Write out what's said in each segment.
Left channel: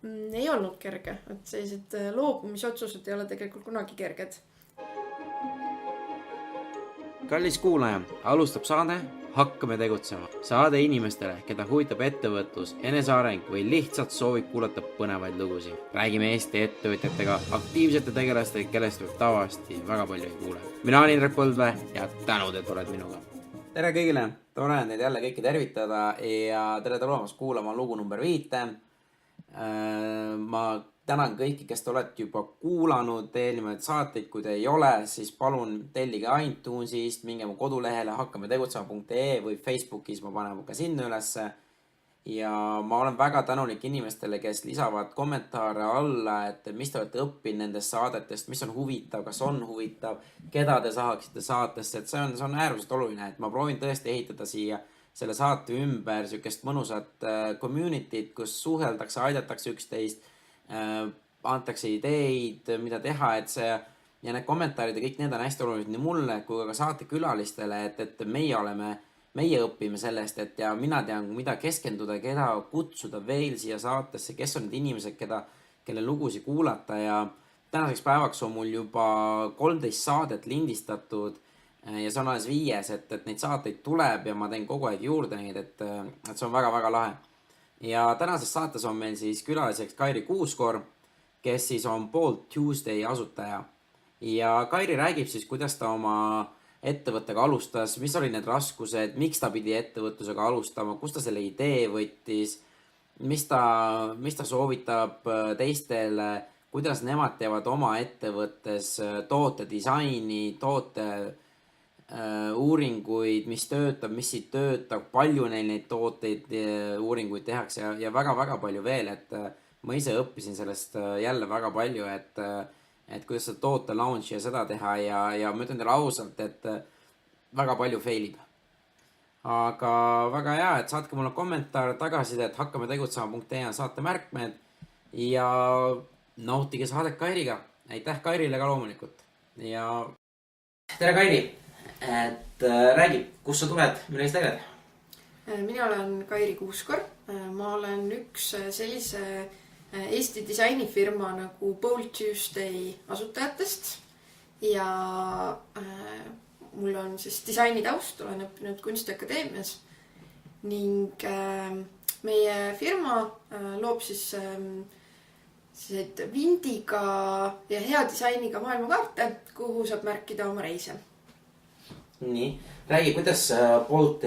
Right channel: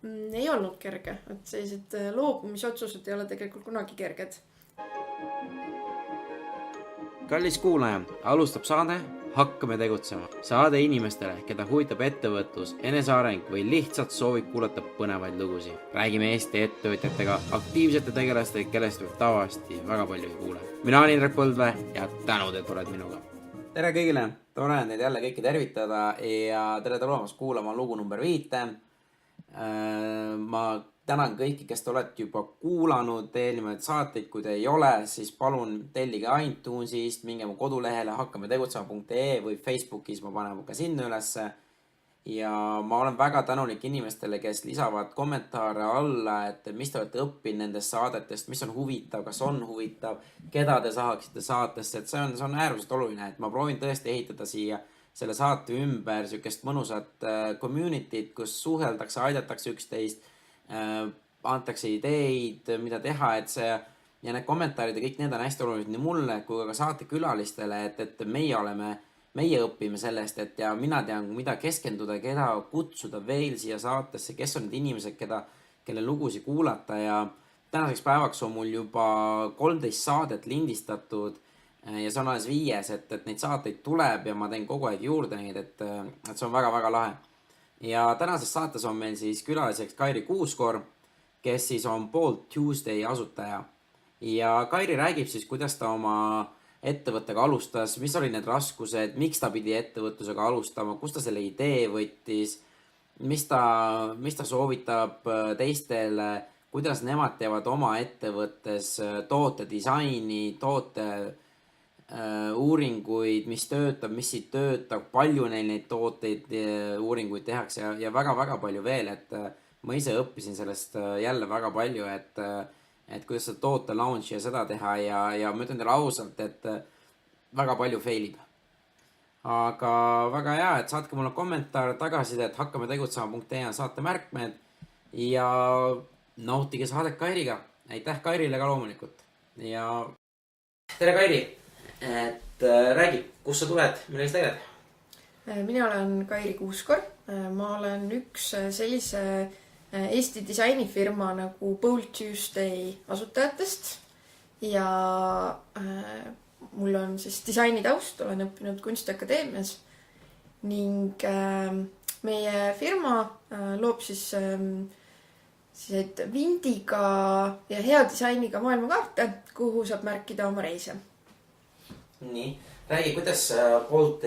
Ei olnud kerge, et sellised loobumisotsused ei ole tegelikult kunagi kerged. Kallis kuulaja, alustab saade Hakkame tegutsema. Saade inimestele, keda huvitab ettevõtlus, eneseareng või lihtsalt soovib kuulata põnevaid lugusid. Räägime Eesti ettevõtjatega, aktiivsete tegelastega, kellest võib tavaliselt väga palju ei kuule. Mina olen Indrek Põldvee ja tänud, et oled minuga. Tere kõigile, tore on teid jälle kõiki tervitada ja tere tulemast kuulama lugu number 5. Ma tänan kõiki, kes te olete juba kuulanud eelnevaid saateid. Kui te ei ole, siis palun tellige iTunesist, minge mu kodulehele hakkametegutsema.ee või Facebookis ma panen ka sinna ülesse. Ja ma olen väga tänulik inimestele, kes lisavad kommentaare alla, et mis te olete õppinud nendest saadetest, mis on huvitav, kas on huvitav, keda te saaksite saatesse. Et see on äärmiselt oluline, et ma proovin tõesti ehitada siia selle saate ümber sükest mõnusat communityt, kus suheldakse, aidatakse üksteist, antakse ideid, mida teha, et see ja need kommentaarid ja kõik need on hästi olulised nii mulle kui ka saatekülalistele, et meie õpime sellest, et ja mina tean, mida keskenduda, keda kutsuda veel siia saatesse, kes on need inimesed, kelle lugusid kuulata ja tänaseks päevaks on mul juba 13 saadet lindistatud ja see on alles 5, et neid saateid tuleb ja ma teen kogu aeg juurde neid, et see on väga-väga lahe. Ja tänases saates on meil siis külaliseks Kairi Kuuskor, kes siis on Bold Tuesday asutaja. Ja Kairi räägib siis, kuidas ta oma ettevõttega alustas, mis oli need raskused, miks ta pidi ettevõtlusega alustama, kus ta selle idee võttis, mis ta soovitab teistele, kuidas nemad teevad oma ettevõttes toote disaini, toote uuringuid, mis töötab, mis ei töötab, palju neil neid tooteid uuringuid tehakse ja väga-väga palju veel, et ma ise õppisin sellest jälle väga palju, et kuidas seda toote launch ja seda teha ja ma ütlen teile ausalt, et väga palju failib. Aga väga hea, et saatke mulle kommentaar tagasiside, et hakkametegutsema.ee on saate märkmed ja nautige saadet Kairiga. Aitäh Kairile ka loomulikult. Ja tere Kairi! Et räägi, kus sa tuled, milles tegeled? Mina olen Kairi Kuuskor. Ma olen üks sellise Eesti disainifirma nagu Bold Tuesday asutajatest ja mul on siis disainitaust, olen õppinud Kunstiakadeemias ning meie firma loob siis vindiga ja hea disainiga maailmakaarte, kuhu saab märkida oma reise. Nii, räägi, kuidas Bold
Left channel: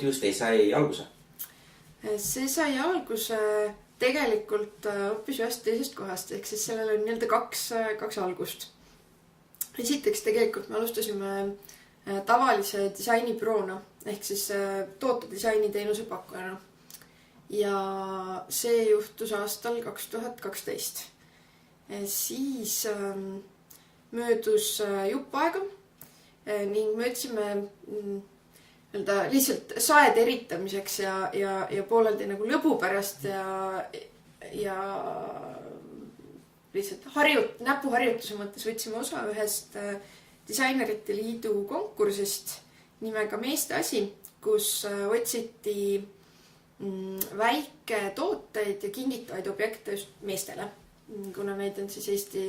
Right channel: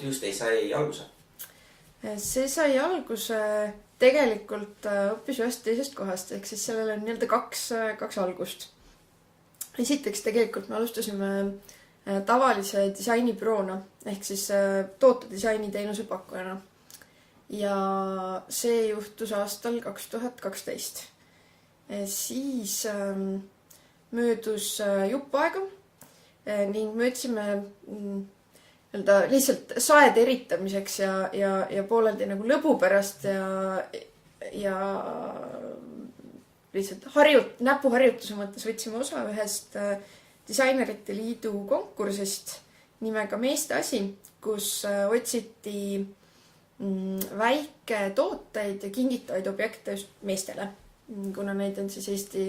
Tuesday sai alguse? See sai alguse tegelikult hoopis ühest teisest kohast, ehk siis sellel on nii-öelda kaks algust. Esiteks tegelikult me alustasime tavalise disainibüroona, ehk siis tootedisaini teenuse pakkujana. Ja see juhtus aastal 2012. Siis möödus jupp aega ning me otsime lihtsalt saed eritamiseks ja pooleldi nagu lõbu pärast ja lihtsalt näpuharjutuse mõttes võtsime osa ühest disainerite liidu konkursist nimega Meeste asi, kus otsiti väiketooteid ja kingitavaid objekte just meestele, kuna neid on siis Eesti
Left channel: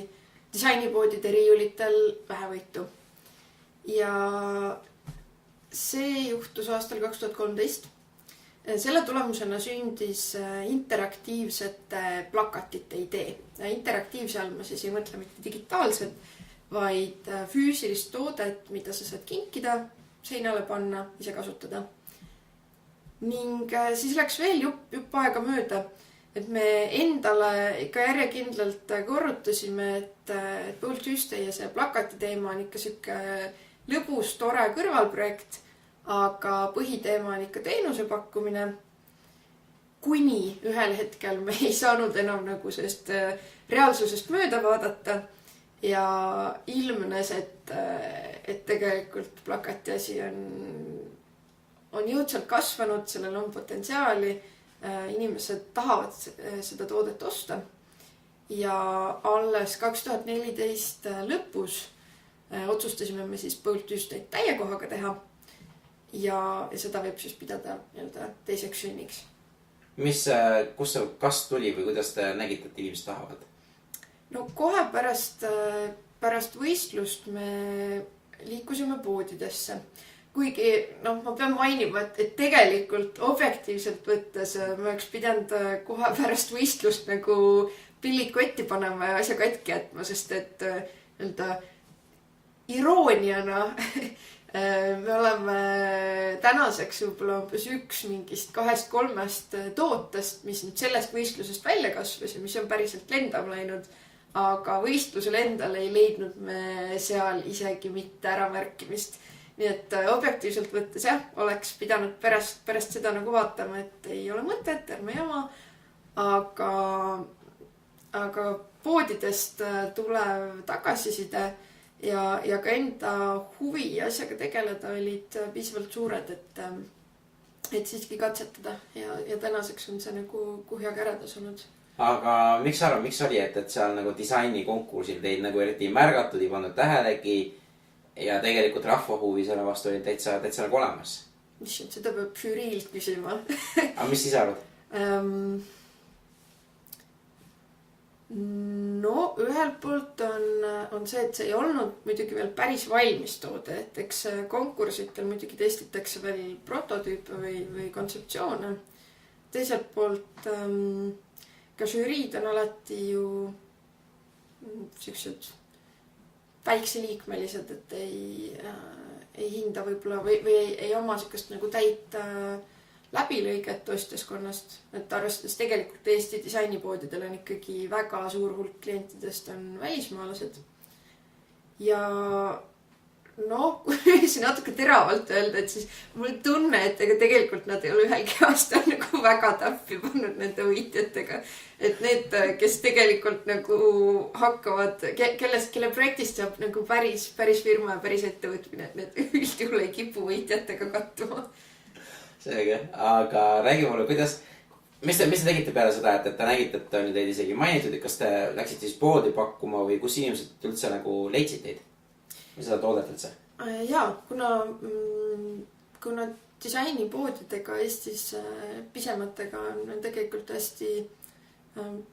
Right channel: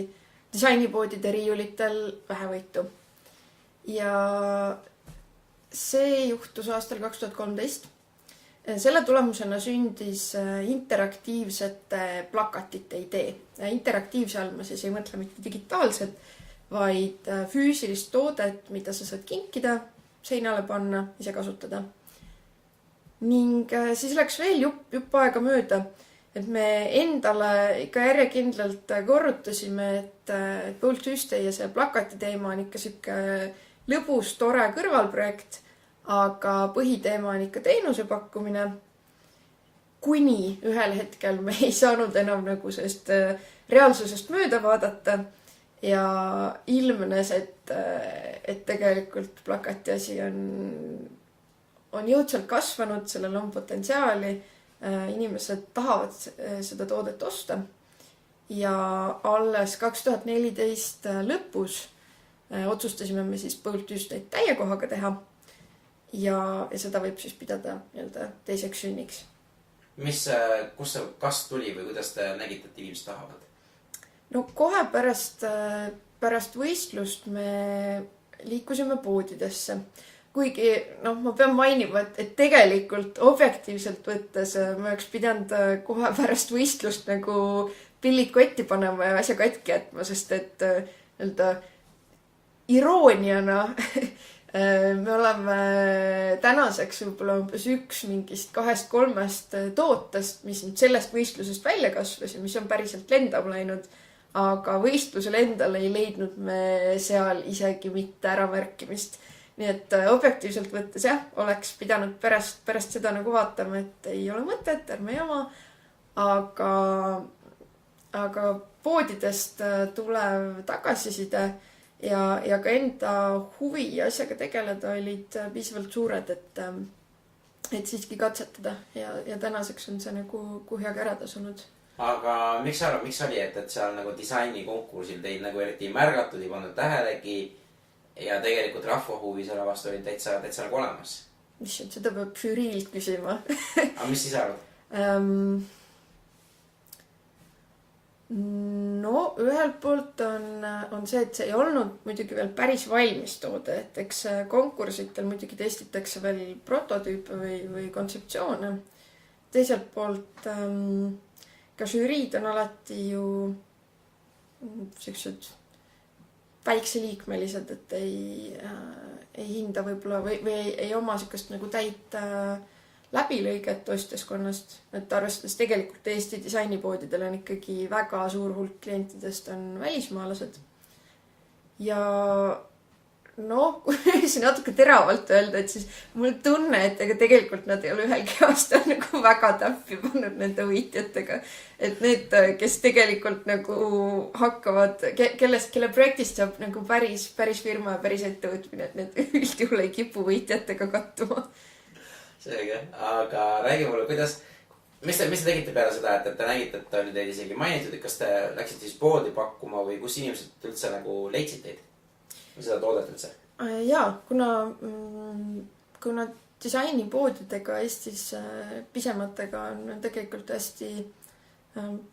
disainipoodide riiulitel vähevõitu. Ja see juhtus aastal 2013. Selle tulemusena sündis interaktiivsete plakatite idee. Interaktiivse all ma siis ei mõtle mitte digitaalselt, vaid füüsilist toodet, mida sa saad kinkida, seinale panna, ise kasutada. Ning siis läks veel jupp aega mööda, et me endale ikka järjekindlalt korrutasime, et Bold Tuesday ja see plakati teema on ikka siuke lõbus, tore kõrvalprojekt, aga põhiteema on ikka teenuse pakkumine, kuni ühel hetkel me ei saanud enam nagu sellest reaalsusest mööda vaadata ja ilmnes, et tegelikult plakati asi on jõudsalt kasvanud, sellel on potentsiaali, inimesed tahavad seda toodet osta ja alles 2014 lõpus otsustasime me siis Bold Tuesday täiekohaga teha ja seda võib siis pidada teiseks sünniks. Kus see kas tuli või kuidas te nägite, et inimesed tahavad? No kohe pärast võistlust me liikusime poodidesse. Kuigi, ma pean mainima, et tegelikult objektiivselt võttes ma oleks pidanud kohe pärast võistlust nagu pillid kotti panema ja asja katki jätma, sest et irooniana me oleme tänaseks võib-olla umbes üks mingist 2-3 tootest, mis nüüd sellest võistlusest välja kasvas ja mis on päriselt lendama läinud, aga võistlusel endal ei leidnud me seal isegi mitte äramärkimist. Nii et objektiivselt võttes jah, oleks pidanud pärast seda nagu vaatama, et ei ole mõtet, ärme jama, aga poodidest tulev tagasiside ja ka enda huvi asjaga tegeleda olid piisavalt suured, et siiski katsetada ja tänaseks on see nagu heaga ära tasunud. Aga miks oli, et seal nagu disainikonkursil teid nagu eriti ei märgatud, ei pannud tähelegi ja tegelikult rahva huvi selle vastu oli täitsa nagu olemas? Issand, seda peab žüriilt küsima. Aga mis siis arvad? No ühelt poolt on see, et see ei olnud muidugi veel päris valmis toode, et eks konkursitel muidugi testitakse veel prototüüpe või kontseptsioone. Teiselt poolt ka žüriid on alati ju sellised väikseliikmelised, et ei hinda võib-olla või ei oma sellist nagu täit läbilõiget ostjaskonnast, et arvestades tegelikult Eesti disainipoodidel on ikkagi väga suur hulk klientidest on välismaalased. Ja kui siin natuke teravalt öelda, et siis mul tunne, et ega tegelikult nad ei ole ühelgi aastal nagu väga täppi pannud nende võitjatega. Et need, kes tegelikult nagu hakkavad, kelle projektist saab nagu päris firma ja päris ettevõtmine, et need üldjuhul ei kipu võitjatega kattuma. Seega, aga räägi mulle, mis te tegite peale seda, et te nägite, et oli teid isegi mainitud, et kas te läksite siis poodi pakkuma või kus inimesed üldse nagu leidsid teid? Või seda toodet üldse? Jaa, kuna disainipoodidega Eestis pisematega on tegelikult hästi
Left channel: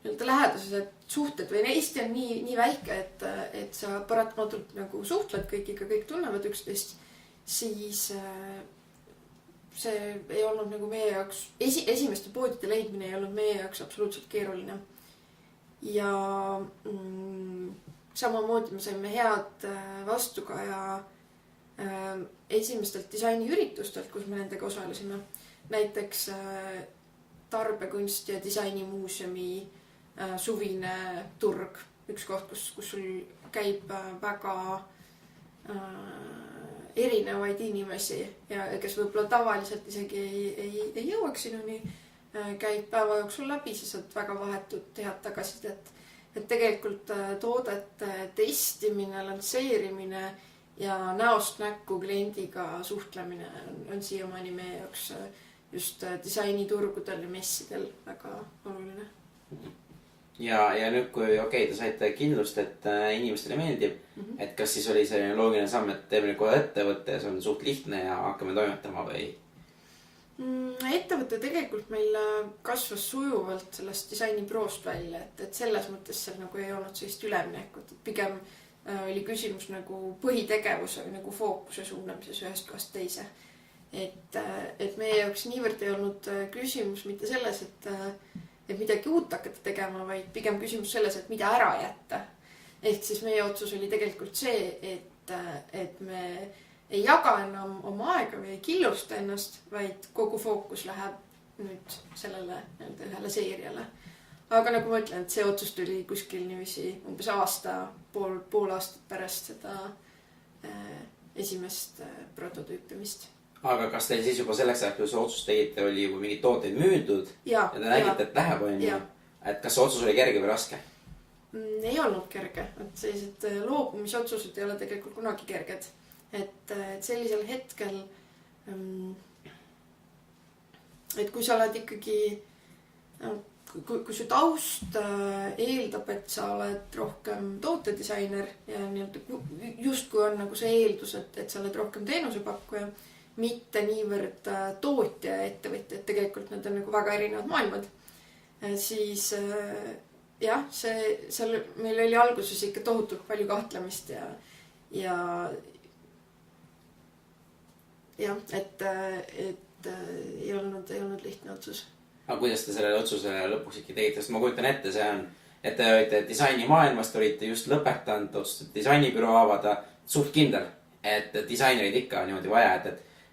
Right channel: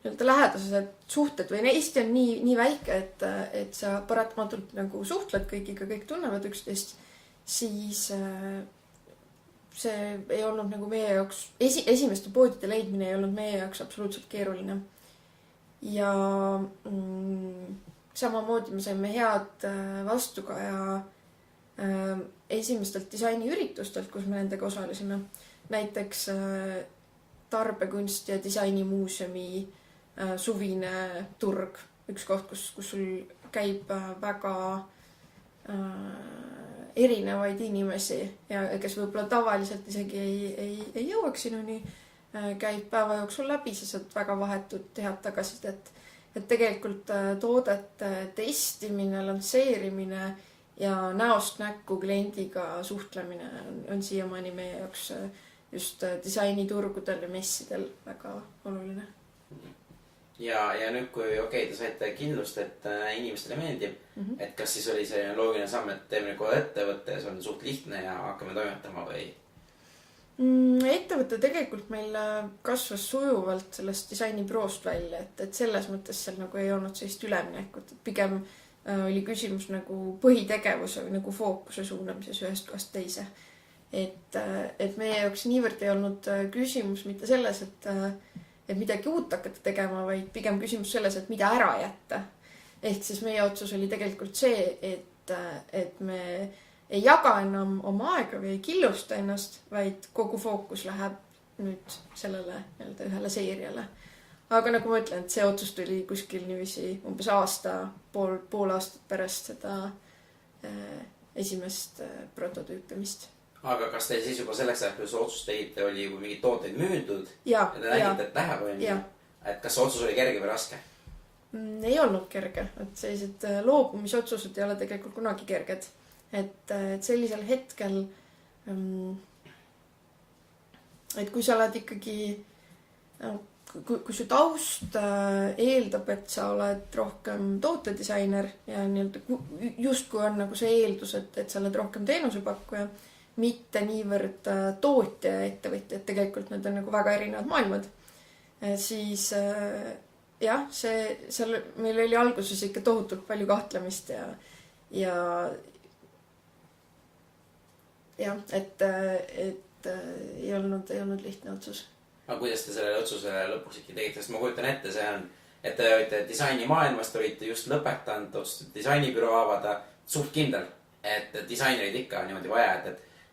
lähedased suhted või Eesti on nii väike, et sa paratamatult nagu suhtled kõigiga, kõik tunnevad üksteist, siis see ei olnud nagu meie jaoks, esimeste poodide leidmine ei olnud meie jaoks absoluutselt keeruline. Ja samamoodi me saime head vastukaja esimestelt disainiüritustelt, kus me nendega osalesime. Näiteks Tarbekunsti ja disainimuuseumi suvine turg. Üks koht, kus sul käib väga erinevaid inimesi ja kes võib-olla tavaliselt isegi ei jõuaks sinuni, käib päeva jooksul läbi, siis saad väga vahetut head tagasisidet. Et tegelikult toodete testimine, lansseerimine ja näost näkku kliendiga suhtlemine on siiamaani meie jaoks just disainiturgudel ja messidel väga oluline. Ja nüüd, kui te saite kindlust, et inimestele meeldib, et kas siis oli selline loogiline samm, et teeme nüüd kohe ettevõtte ja see on suht lihtne ja hakkame toimetama või? Ettevõte tegelikult meil kasvas sujuvalt sellest disainiproost välja, et selles mõttes seal nagu ei olnud sellist üleminekut, et pigem oli küsimus nagu põhitegevuse või nagu fookuse suunamises ühest kohast teise. Et meie jaoks niivõrd ei olnud küsimus mitte selles, et midagi uut hakata tegema, vaid pigem küsimus selles, et mida ära jätta. Ehk siis meie otsus oli tegelikult see, et me ei jaga enam oma aega või ei killusta ennast, vaid kogu fookus läheb nüüd sellele ühele seeriale. Aga nagu ma ütlen, et see otsus tuli kuskil niiviisi umbes pool aastat pärast seda esimest prototüüpimist. Aga kas teil siis juba selleks ajaks, kui see otsus tegite, oli juba mingid tooteid müüdud ja te nägite, et läheb, on ju? Et kas see otsus oli kerge või raske? Ei olnud kerge. Et sellised loobumisotsused ei ole tegelikult kunagi kerged. Et sellisel hetkel, et kui sa oled ikkagi, kui su taust eeldab, et sa oled rohkem tootedisainer ja just kui on nagu see eeldus, et sa oled rohkem teenusepakkuja, mitte niivõrd tootja ja ettevõtjad, tegelikult need on nagu väga erinevad maailmad. Siis jah, seal meil oli alguses ikka tohutult palju kahtlemist ja jah, et ei olnud lihtne otsus. Aga kuidas te sellele otsusele lõpuks ikka tegite? Sest ma kujutan ette, see on, et te olite disainimaailmast, olite just lõpetanud, otsustasite disainibüroo avada, suht kindel, et disainerid ikka on niimoodi vaja,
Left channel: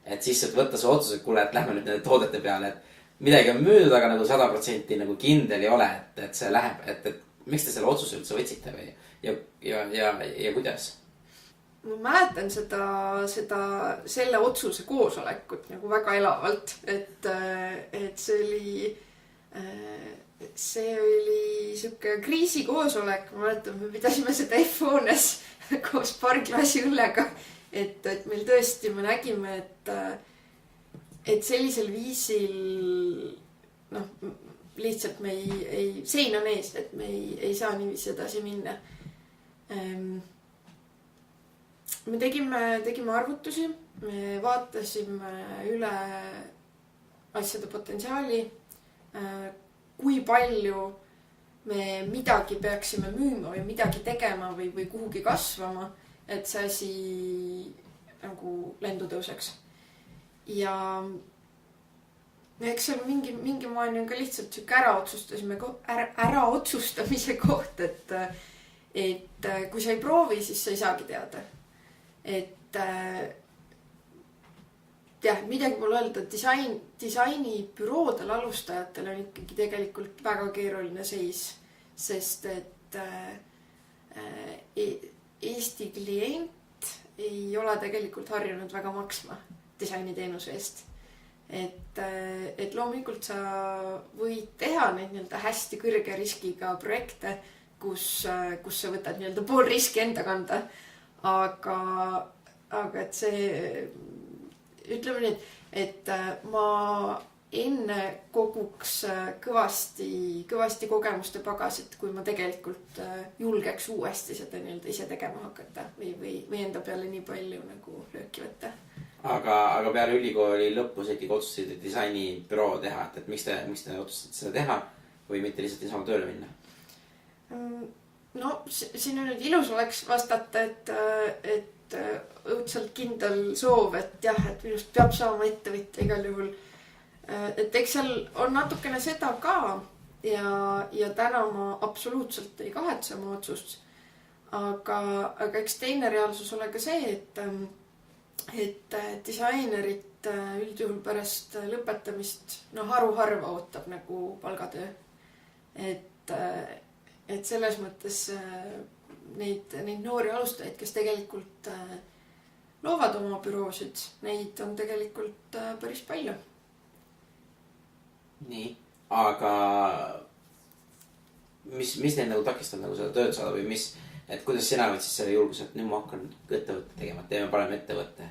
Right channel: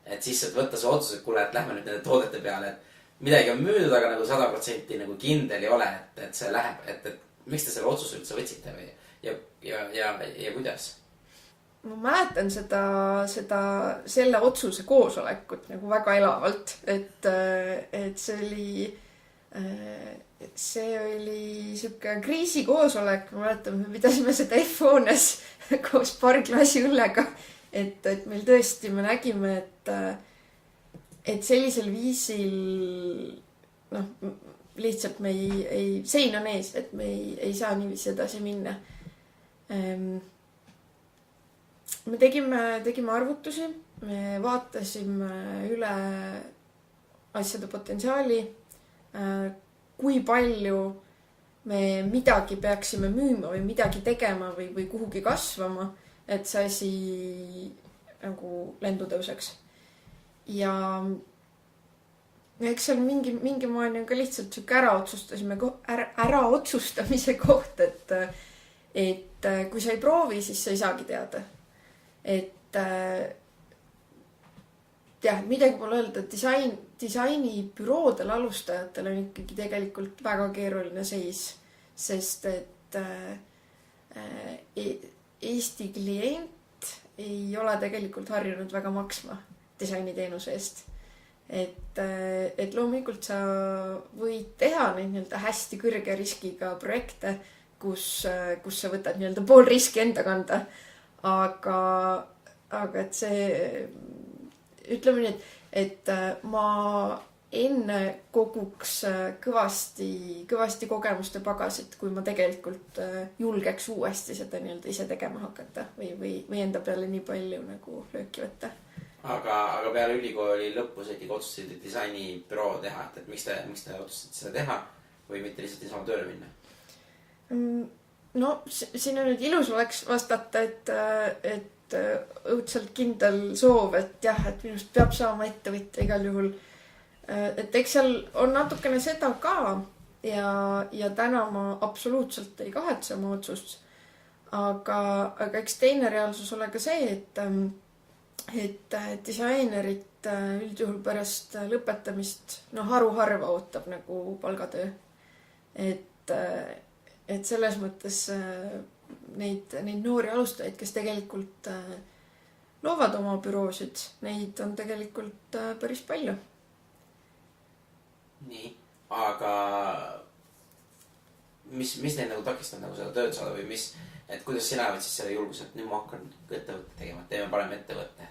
et siis võtta see otsus, et kuule, et lähme nüüd nende toodete peale, et midagi on müüdud, aga nagu 100% nagu kindel ei ole, et see läheb, et miks te selle otsuse üldse võtsite või ja kuidas? Ma mäletan selle otsuse koosolekut nagu väga elavalt, et see oli siuke kriisikoosolek, ma mäletan, me pidasime seda F-hoones koos paari klaasi õllega, et meil tõesti, me nägime, et sellisel viisil lihtsalt me ei sein on ees, et me ei saa niiviisi edasi minna. Me tegime arvutusi, me vaatasime üle asjade potentsiaali, kui palju me midagi peaksime müüma või midagi tegema või kuhugi kasvama, et see asi nagu lendu tõuseks. Ja eks seal mingi maani on ka lihtsalt siuke ära otsustamise koht, et kui sa ei proovi, siis sa ei saagi teada. Et jah, midagi pole öelda, disainibüroodel alustajatel on ikkagi tegelikult väga keeruline seis, sest et Eesti klient ei ole tegelikult harjunud väga maksma disainiteenuse eest. Et loomulikult sa võid teha neid nii-öelda hästi kõrge riskiga projekte, kus sa võtad nii-öelda pool riski enda kanda. Aga et see, ütleme nii, et ma enne koguks kõvasti kogemuste pagasit, kui ma tegelikult julgeks uuesti seda nii-öelda ise tegema hakata või enda peale nii palju nagu lööki võtta. Aga peale ülikooli lõpus ikkagi otsustasid disainibüroo teha, et miks te otsustasite seda teha või mitte lihtsalt niisama tööle minna? No siin on nüüd ilus oleks vastata, et õudselt kindel soov, et jah, et minust peab saama ettevõtja igal juhul. Et eks seal on natukene seda ka ja täna ma absoluutselt ei kahetse oma otsust. Aga eks teine reaalsus ole ka see, et disainerit üldjuhul pärast lõpetamist haruharva ootab nagu palgatöö. Et selles mõttes neid noori alustajaid, kes tegelikult loovad oma büroosid, neid on tegelikult päris palju. Nii, aga mis neid nagu takistab nagu seda tööd saada või et kuidas sina võid siis selle julguse, et nüüd ma hakkan ettevõtte tegema, teeme parem ettevõtte?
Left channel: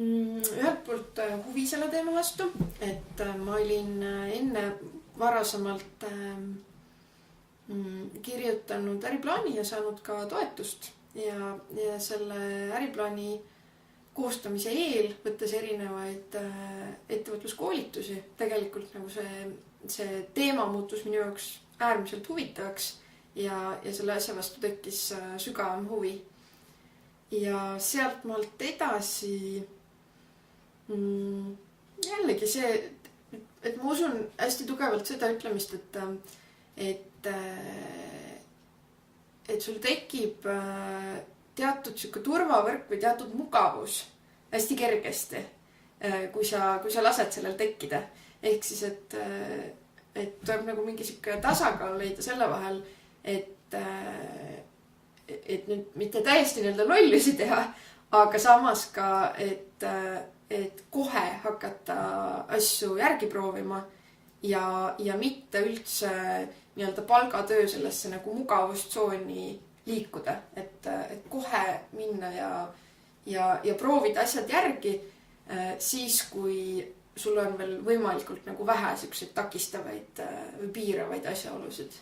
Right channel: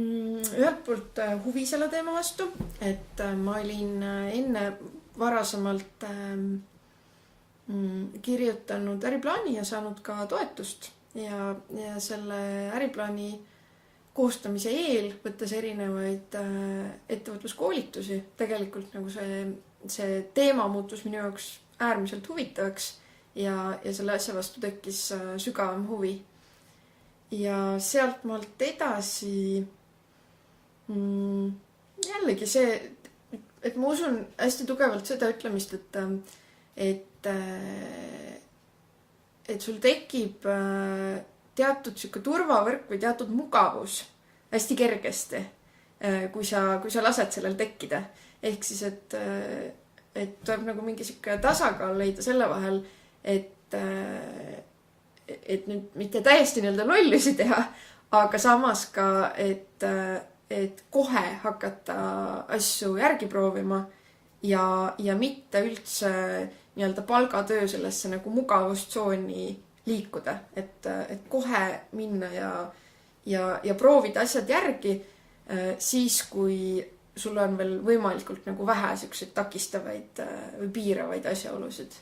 Ühelt poolt huvi selle teema vastu, et ma olin enne varasemalt kirjutanud äriplaani ja saanud ka toetust ja selle äriplaani koostamise eel võttes erinevaid ettevõtluskoolitusi. Tegelikult nagu see teema muutus minu jaoks äärmiselt huvitavaks ja selle asja vastu tekkis sügavam huvi. Ja sealt maalt edasi jällegi see, et ma usun hästi tugevalt seda ütlemist, et sul tekib teatud siuke turvavõrk või teatud mugavus hästi kergesti, kui sa lased sellel tekkida. Ehk siis, et tuleb nagu mingi siuke tasakaal leida selle vahel, et nüüd mitte täiesti nii-öelda lollusi teha, aga samas ka, et kohe hakata asju järgi proovima ja mitte üldse nii-öelda palgatöö sellesse nagu mugavustsooni liikuda, et kohe minna ja proovida asjad järgi siis, kui sul on veel võimalikult nagu vähe siukseid takistavaid või piiravaid asjaolusid.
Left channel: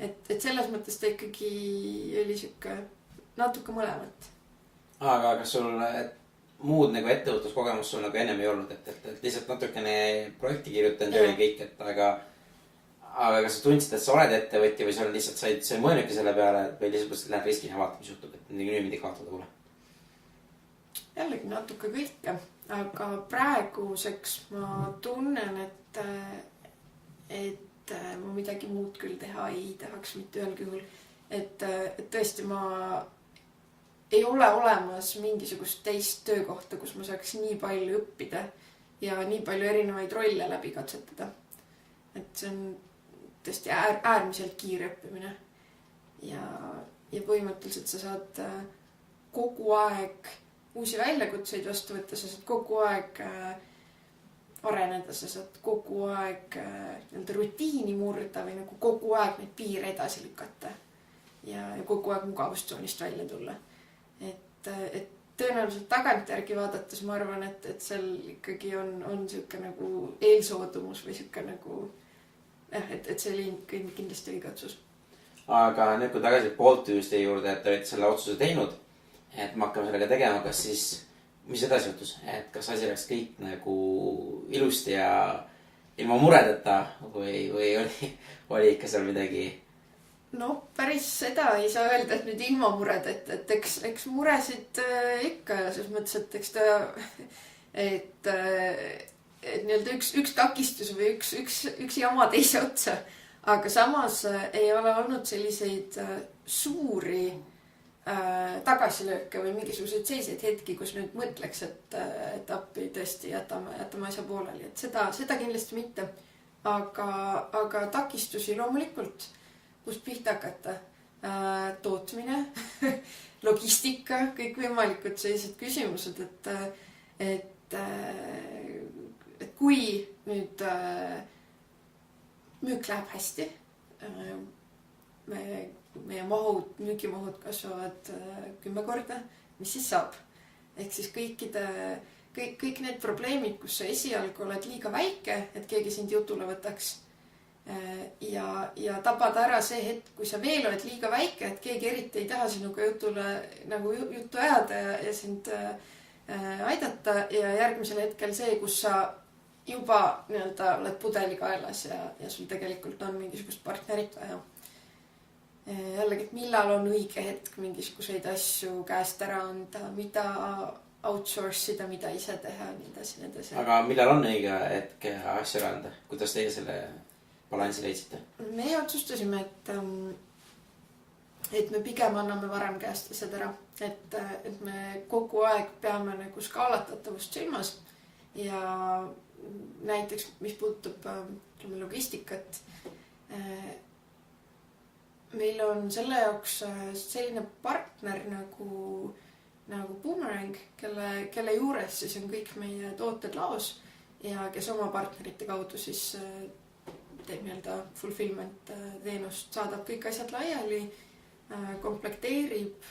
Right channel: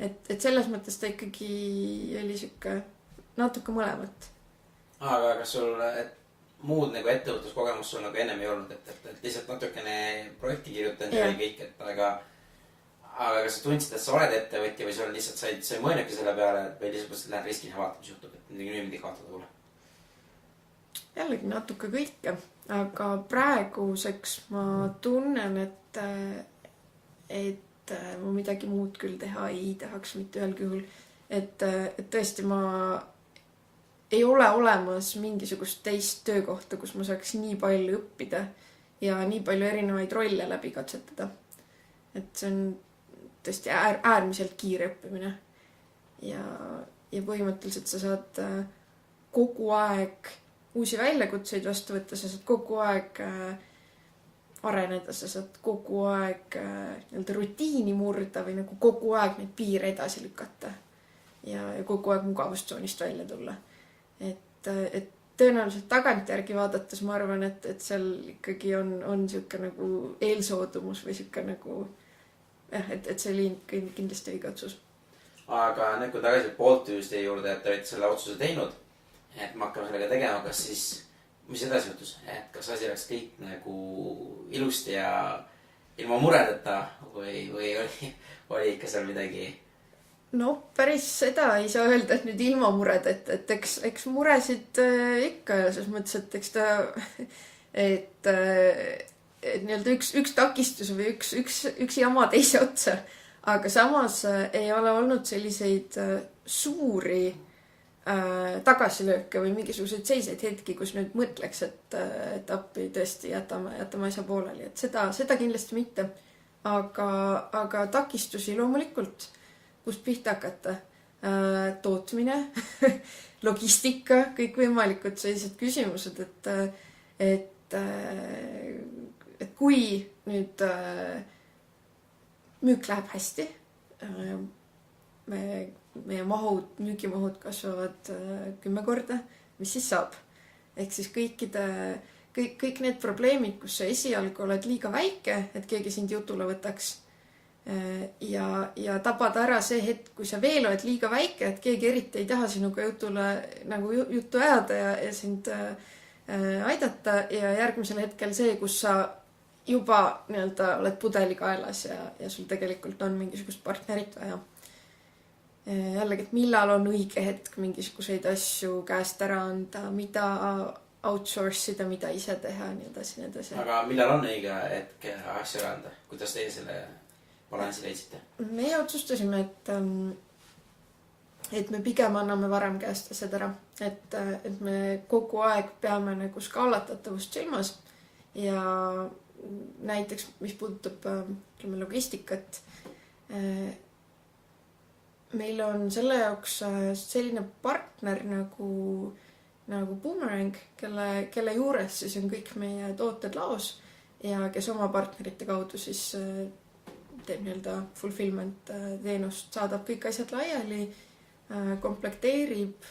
Et selles mõttes ta ikkagi oli siuke natuke mõlemat. Aga kas sul muud nagu ettevõtluskogemust sul nagu ennem ei olnud, et lihtsalt natukene projekti kirjutanud ja kõik, et aga kas sa tundsid, et sa oled ettevõtja või sa lihtsalt sa ei mõelnudki selle peale, et või lihtsalt mõtlesid, et lähen riskina ja vaatan, mis juhtub, et nüüd kaotada pole? Jällegi natuke kõike, aga praeguseks ma tunnen, et ma midagi muud küll teha ei tahaks mitte ühelgi juhul. Et tõesti ma ei ole olemas mingisugust teist töökohta, kus ma saaks nii palju õppida ja nii palju erinevaid rolle läbi katsetada. Et see on tõesti äärmiselt kiire õppimine. Ja põhimõtteliselt sa saad kogu aeg uusi väljakutseid vastu võtta, sa saad kogu aeg areneda, sa saad kogu aeg rutiini murda või nagu kogu aeg neid piire edasi lükata ja kogu aeg mugavustsoonist välja tulla. Et tõenäoliselt tagantjärgi vaadates ma arvan, et seal ikkagi on siuke nagu eelsoodumus või siuke nagu et see oli kindlasti õige otsus. Aga nüüd kui tagasi Boltiuse juurde, et olid selle otsuse teinud, et me hakkame sellega tegema, kas siis, mis edasi juhtus, et kas asi läks kõik nagu ilusti ja ilma muredeta või oli ikka seal midagi? No päris seda ei saa öelda, et nüüd ilma mured, et eks muresid ikka ja selles mõttes, et eks ta et nii-öelda üks takistus või üks jama teise otsa, aga samas ei ole olnud selliseid suuri tagasilööke või mingisuguseid seiseid hetki, kus nüüd mõtleks, et appi tõesti jätame asja pooleli, et seda kindlasti mitte, aga takistusi loomulikult, kust pihta hakata, tootmine, logistika, kõik võimalikud sellised küsimused, et kui nüüd müük läheb hästi, meie müügimahud kasvavad 10 korda, mis siis saab? Ehk siis kõik need probleemid, kus sa esialgu oled liiga väike, et keegi sind jutule võtaks ja tabada ära see hetk, kui sa veel oled liiga väike, et keegi eriti ei taha sinuga juttu ajada ja sind aidata ja järgmisel hetkel see, kus sa juba nii-öelda oled pudelikaelas ja sul tegelikult on mingisugust partnerit vaja. Jällegi, et millal on õige hetk mingisuguseid asju käest ära anda, mida outsource'ida, mida ise teha, nii edasi. Aga millal on õige hetk asju ära anda? Kuidas teie selle balansi leidsite? Meie otsustasime, et me pigem anname varem käest asjad ära. Et me kogu aeg peame nagu skaalatatavust silmas ja näiteks, mis puudutab logistikat, meil on selle jaoks selline partner nagu Boomerang, kelle juures siis on kõik meie tooted laos ja kes oma partnerite kaudu siis teeb nii-öelda fulfillment teenust, saadab kõik asjad laiali, komplekteerib,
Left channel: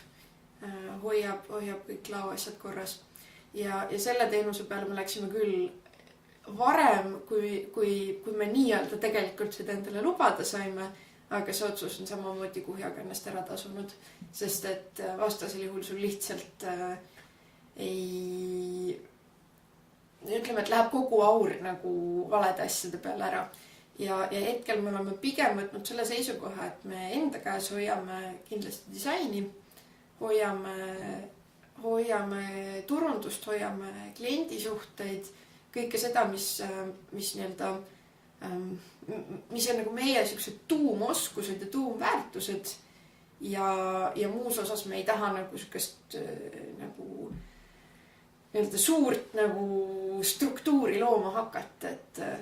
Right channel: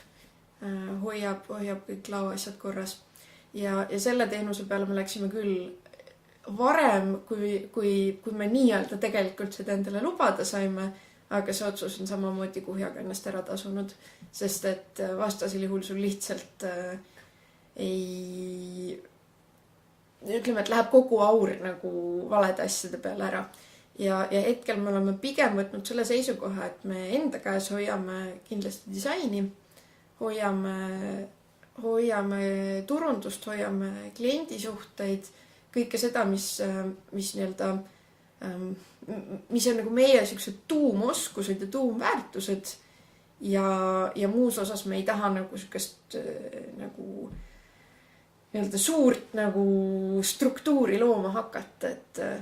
hoiab kõik laoasjad korras ja selle teenuse peale me läksime küll varem, kui me nii-öelda tegelikult seda endale lubada saime, aga see otsus on samamoodi kuhjaga ennast ära tasunud, sest et vastasel juhul sul lihtsalt ütleme, et läheb kogu aur nagu valede asjade peale ära. Ja hetkel me oleme pigem võtnud selle seisukoha, et me enda käes hoiame kindlasti disaini, hoiame turundust, hoiame kliendisuhteid, kõike seda, mis nii-öelda mis on nagu meie siuksed tuumoskused ja tuumväärtused ja muus osas me ei taha nagu siukest nagu nii-öelda suurt nagu struktuuri looma hakata,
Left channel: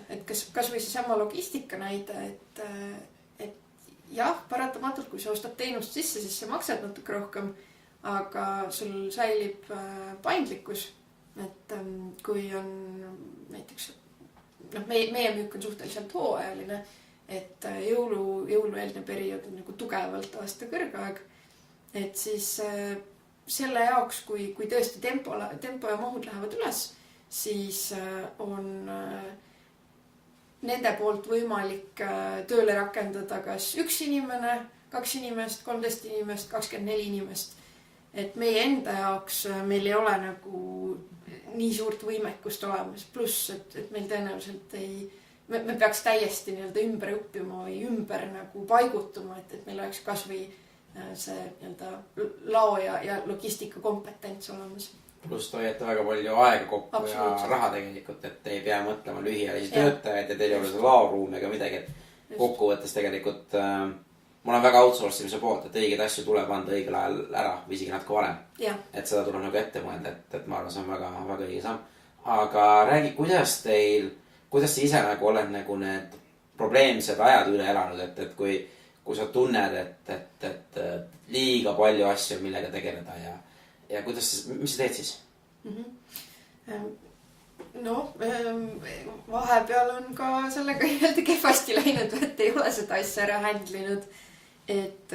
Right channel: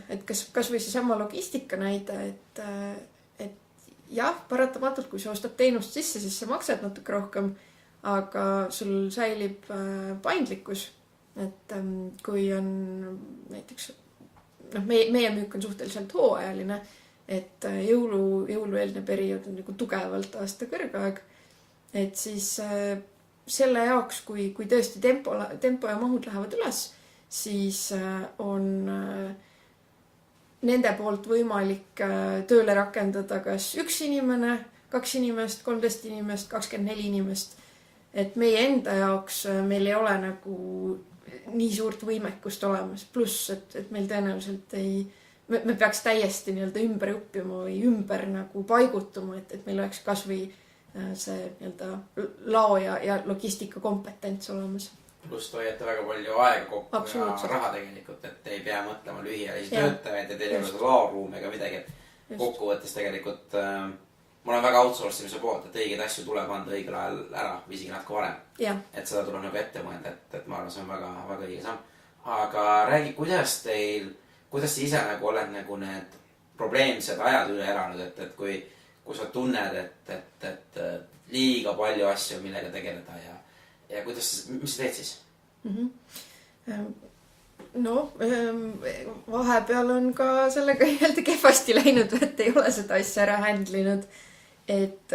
et kas või seesama logistika näide, et jah, paratamatult, kui sa ostad teenust sisse, siis sa maksad natuke rohkem, aga sul säilib paindlikkus, et kui on näiteks meie müük on suhteliselt hooajaline, et jõulueelne periood on nagu tugevalt aasta kõrgaeg, et siis selle jaoks, kui tõesti tempo ja mahud lähevad üles, siis on nende poolt võimalik tööle rakendada kas 1 inimene, 2 inimest, 13 inimest, 24 inimest, et meie enda jaoks meil ei ole nagu nii suurt võimekust olemas, pluss, et meil tõenäoliselt me peaks täiesti nii-öelda ümber õppima või ümber nagu paigutuma, et meil oleks kas või see nii-öelda lao ja logistika kompetents olemas. Pluss te hoiate väga palju aega kokku ja raha tegelikult, et ei pea mõtlema lühiajalisi töötajaid ja teil ei ole laoruumi ega midagi, et kokkuvõttes tegelikult mul on väga outsourcimise poolt, et õigeid asju tuleb anda õigel ajal ära või isegi natuke varem. Et seda tuleb nagu ette mõelda, et ma arvan, see on väga, väga õige samm. Aga räägi, kuidas te ise nagu oled nagu need probleemsed ajad üle elanud, et kui sa tunned, et liiga palju asju, millega tegeleda ja kuidas, mis sa teed siis? No, vahepeal on ka sellega jälle kehvasti läinud, et ei ole seda asja ära handlinud, et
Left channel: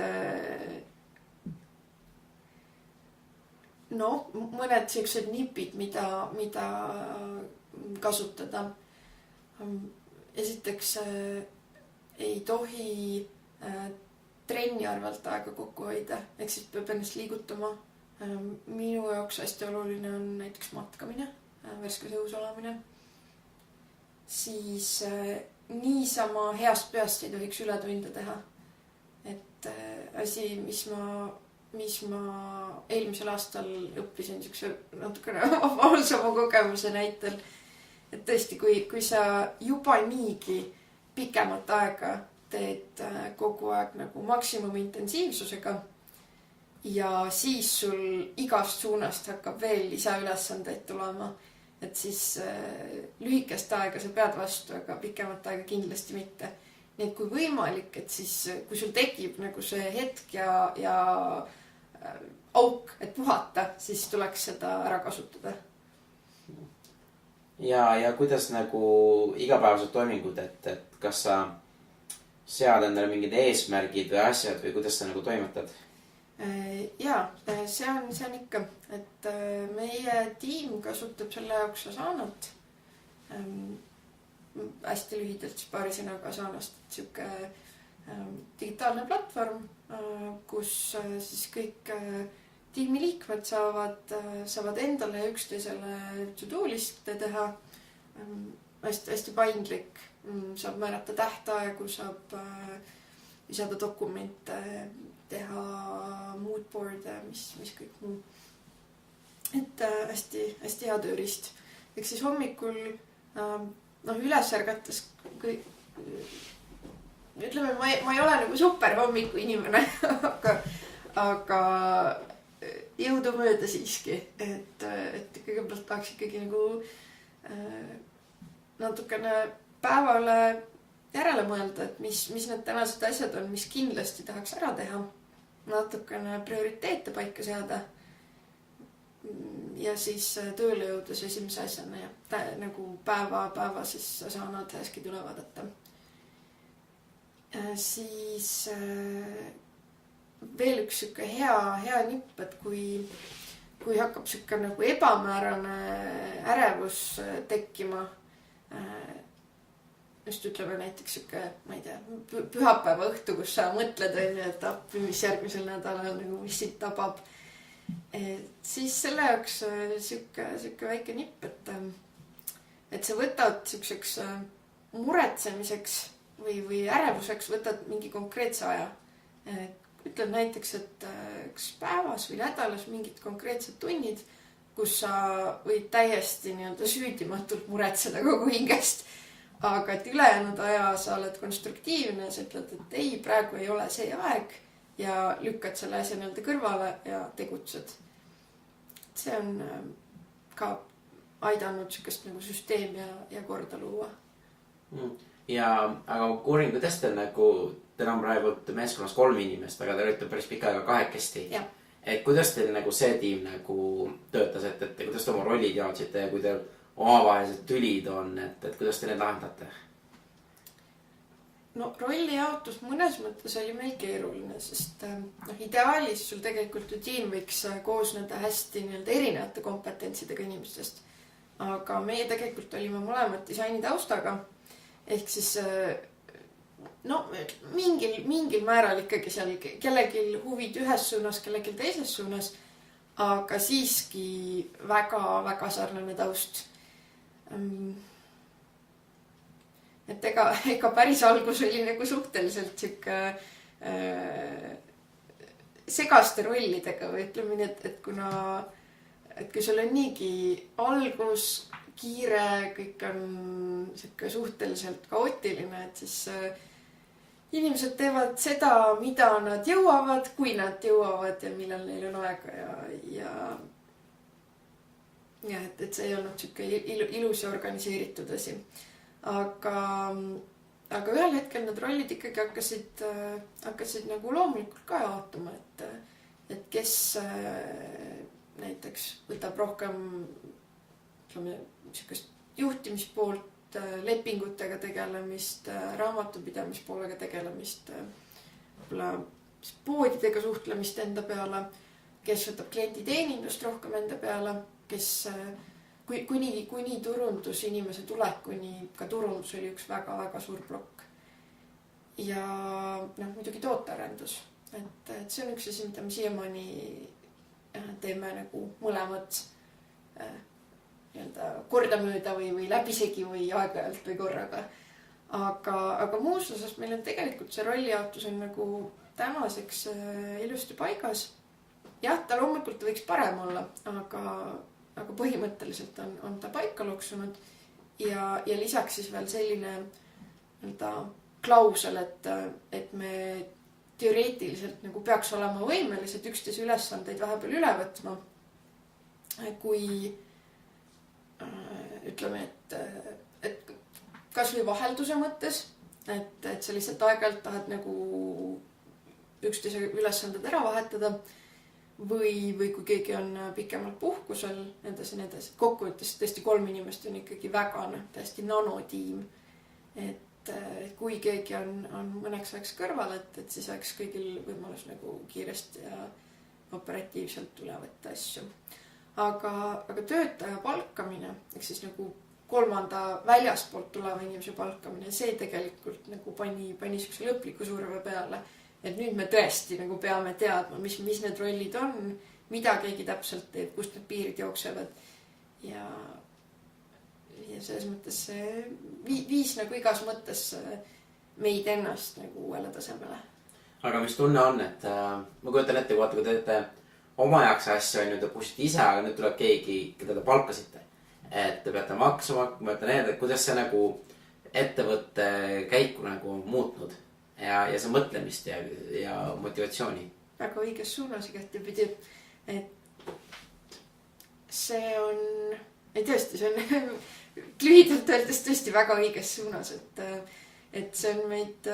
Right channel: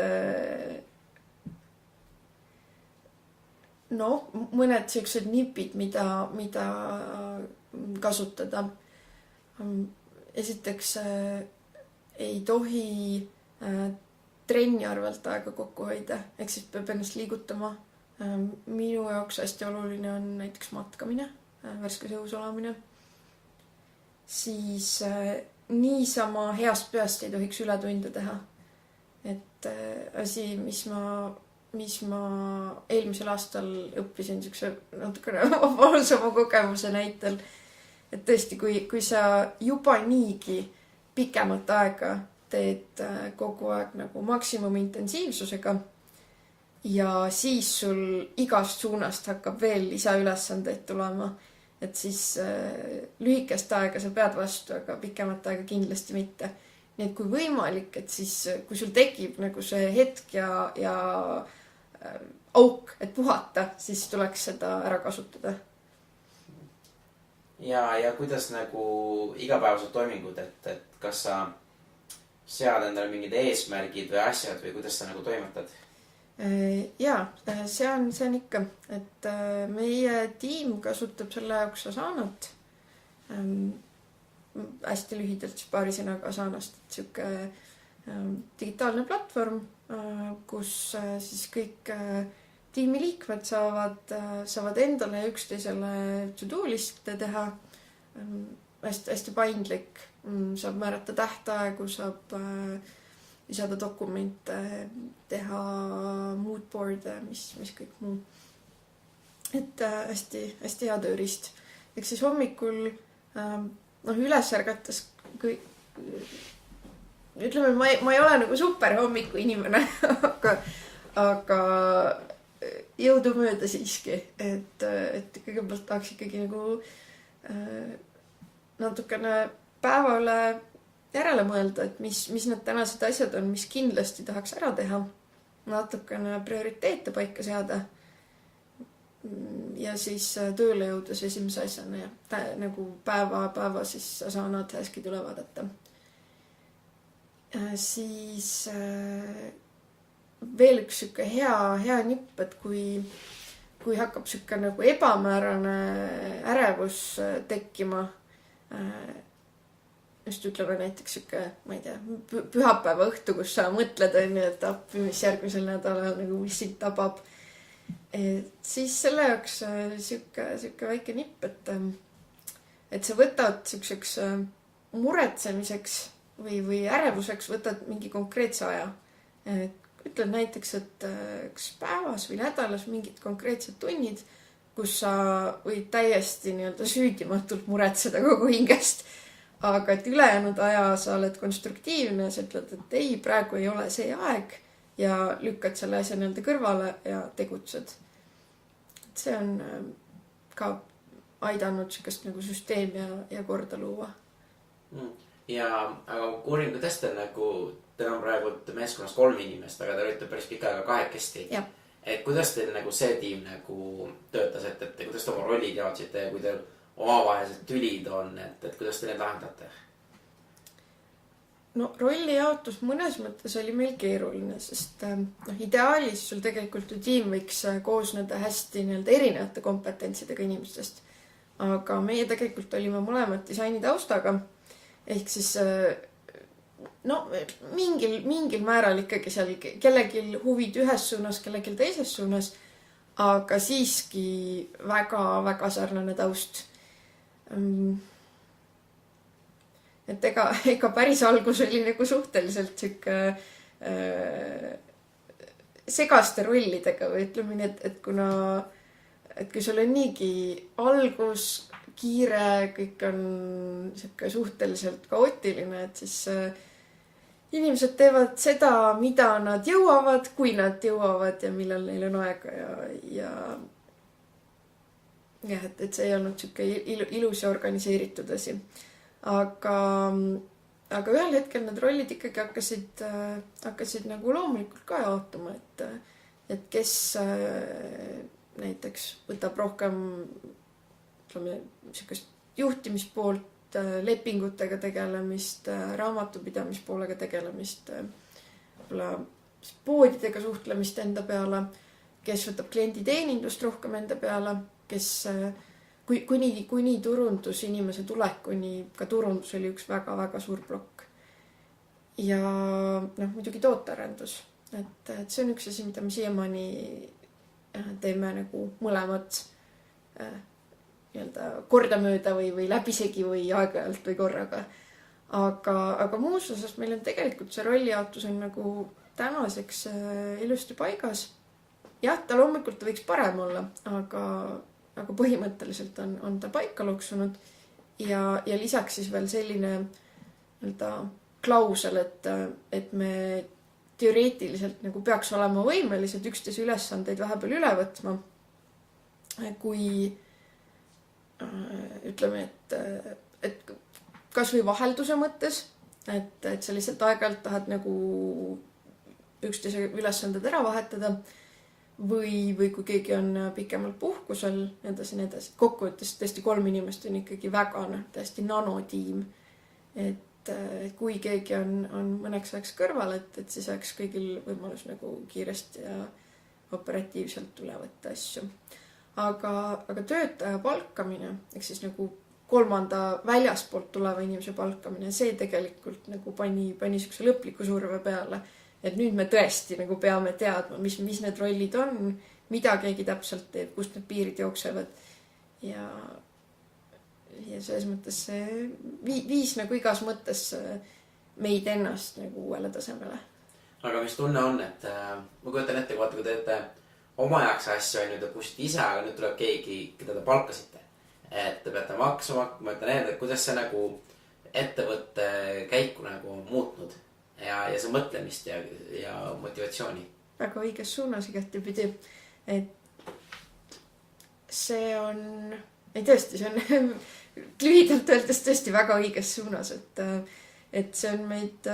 no, mõned sellised nipid, mida kasutada. Esiteks ei tohi trenni arvelt aega kokku hoida, ehk siis peab ennast liigutama. Minu jaoks hästi oluline on näiteks matkamine, värskes õhus olemine. Siis niisama heast peast ei tohiks ületunde teha. Et asi, mis ma eelmisel aastal õppisin siukse natukene valsama kogemuse näitel, et tõesti, kui sa juba niigi pikemat aega teed kogu aeg nagu maksimumi intensiivsusega ja siis sul igast suunast hakkab veel lisaülesandeid tulema, et siis lühikest aega sa pead vastu, aga pikemat aega kindlasti mitte. Nii et kui võimalik, et siis kui sul tekib nagu see hetk ja auk, et puhata, siis tuleks seda ära kasutada. Ja kuidas nagu igapäevased toimingud, et kas sa sead endale mingid eesmärgid või asjad või kuidas sa nagu toimetad? Jaa, see on ikka, et meie tiim kasutab selle jaoks Asanat. Hästi lühidalt siis paari sõnaga Asanast, et siuke digitaalne platvorm, kus siis kõik tiimiliikmed saavad endale ja üksteisele to-do liste teha. Hästi paindlik, saab määrata tähtaegu, saab lisada dokumente, teha moodboard'e, mis kõik muu. Et hästi hea tööriist. Eks siis hommikul üles ärgates ütleme, ma ei ole nagu super hommiku inimene, aga jõudumööda siiski, et kõigepealt tahaks ikkagi nagu natukene päevale järele mõelda, et mis need tänased asjad on, mis kindlasti tahaks ära teha, natukene prioriteete paika seada ja siis tööle jõudes esimese asjana ja nagu päeva siis Asana task'id üle vaadata. Siis veel üks siuke hea nipp, et kui hakkab siuke nagu ebamäärane ärevus tekkima, just ütleme näiteks siuke, ma ei tea, pühapäeva õhtu, kus sa mõtled, et appi, mis järgmisel nädalal nagu mis sind tabab. Siis selle jaoks siuke väike nipp, et sa võtad siukseks muretsemiseks või ärevuseks võtad mingi konkreetse aja. Ütled näiteks, et kas päevas või nädalas mingid konkreetsed tunnid, kus sa võid täiesti nii-öelda süüdimatult muretseda kogu hingest. Aga et ülejäänud aja sa oled konstruktiivne, sa ütled, et ei, praegu ei ole see aeg ja lükkad selle asja nii-öelda kõrvale ja tegutsed. See on ka aidanud sükest nagu süsteem ja korda luua. Aga ma kuurin, kuidas te nagu, teil on praegu meeskonnas 3 inimest, aga te olite päris pika aega 2. Et kuidas teil nagu see tiim nagu töötas, et kuidas te oma rollid jaotsite ja kui teil omavahelised tülid on, et kuidas te need lahendate? No rolli jaotus mõnes mõttes oli meil keeruline, sest ideaalis sul tegelikult ju tiim võiks koosneda hästi nii-öelda erinevate kompetentsidega inimestest. Aga meie tegelikult olime mõlemad disaini taustaga. Ehk siis mingil määral ikkagi seal kellelgi huvid ühes suunas, kellelgi teises suunas. aga siiski väga-väga sarnane taust. Et ega päris algus oli nagu suhteliselt sihuke segaste rollidega või ütleme nii, et kui sul on niigi algus kiire, kõik on sihuke suhteliselt kaootiline, et siis inimesed teevad seda, mida nad jõuavad, kui nad jõuavad ja millal neil on aega ja et see ei olnud sihuke ilus ja organiseeritud asi. Aga ühel hetkel need rollid ikkagi hakkasid nagu loomulikult ka jaotuma, et kes näiteks võtab rohkem sihukest juhtimispoolt, lepingutega tegelemist, raamatupidamispoolega tegelemist, poodidega suhtlemist enda peale, kes võtab klienditeenindust rohkem enda peale, kes kuni turundusinimese tulekuni, ka turundus oli üks väga-väga suur plokk. Ja muidugi tootearendus, et see on üks asi, mida me siiamaani teeme nagu mõlemat kordamööda või läbisegi või aeg-ajalt või korraga. Aga muus osas meil on tegelikult see rollijaotus on nagu tänaseks ilusti paigas. Jah, ta loomulikult võiks parem olla, aga põhimõtteliselt on ta paika loksunud ja lisaks siis veel selline klausel, et me teoreetiliselt nagu peaks olema võimelised üksteise ülesandeid vahepeal üle võtma, kui ütleme, et kas või vahelduse mõttes, et sa lihtsalt aeg-ajalt tahad nagu üksteise ülesanded ära vahetada või kui keegi on pikemalt puhkusel, edasi. Kokkuvõttes tõesti 3 inimest on ikkagi väga täiesti nanotiim, et kui keegi on mõneks ajaks kõrval, et siis oleks kõigil võimalus nagu kiiresti ja operatiivselt üle võtta asju. Aga töötaja palkamine, ehk siis nagu 3. väljaspoolt tuleva inimese palkamine, see tegelikult nagu pani sihukese lõpliku surve peale, et nüüd me tõesti nagu peame teadma, mis need rollid on, mida keegi täpselt teeb, kust need piirid jooksevad ja selles mõttes see viis nagu igas mõttes meid ennast nagu uuele tasemele. Aga mis tunne on, et ma kujutan ette, kui teete oma jaoks asju, te pushite ise, aga nüüd tuleb keegi, keda te palkasite. Et te peate maksma, ma ütlen enne, et kuidas see nagu ettevõtte käiku nagu muutnud ja see mõtlemist ja motivatsiooni. Väga õiges suunas igatepidi. Et see on, tõesti, see on lühidalt öeldes tõesti väga õiges suunas, et see on meid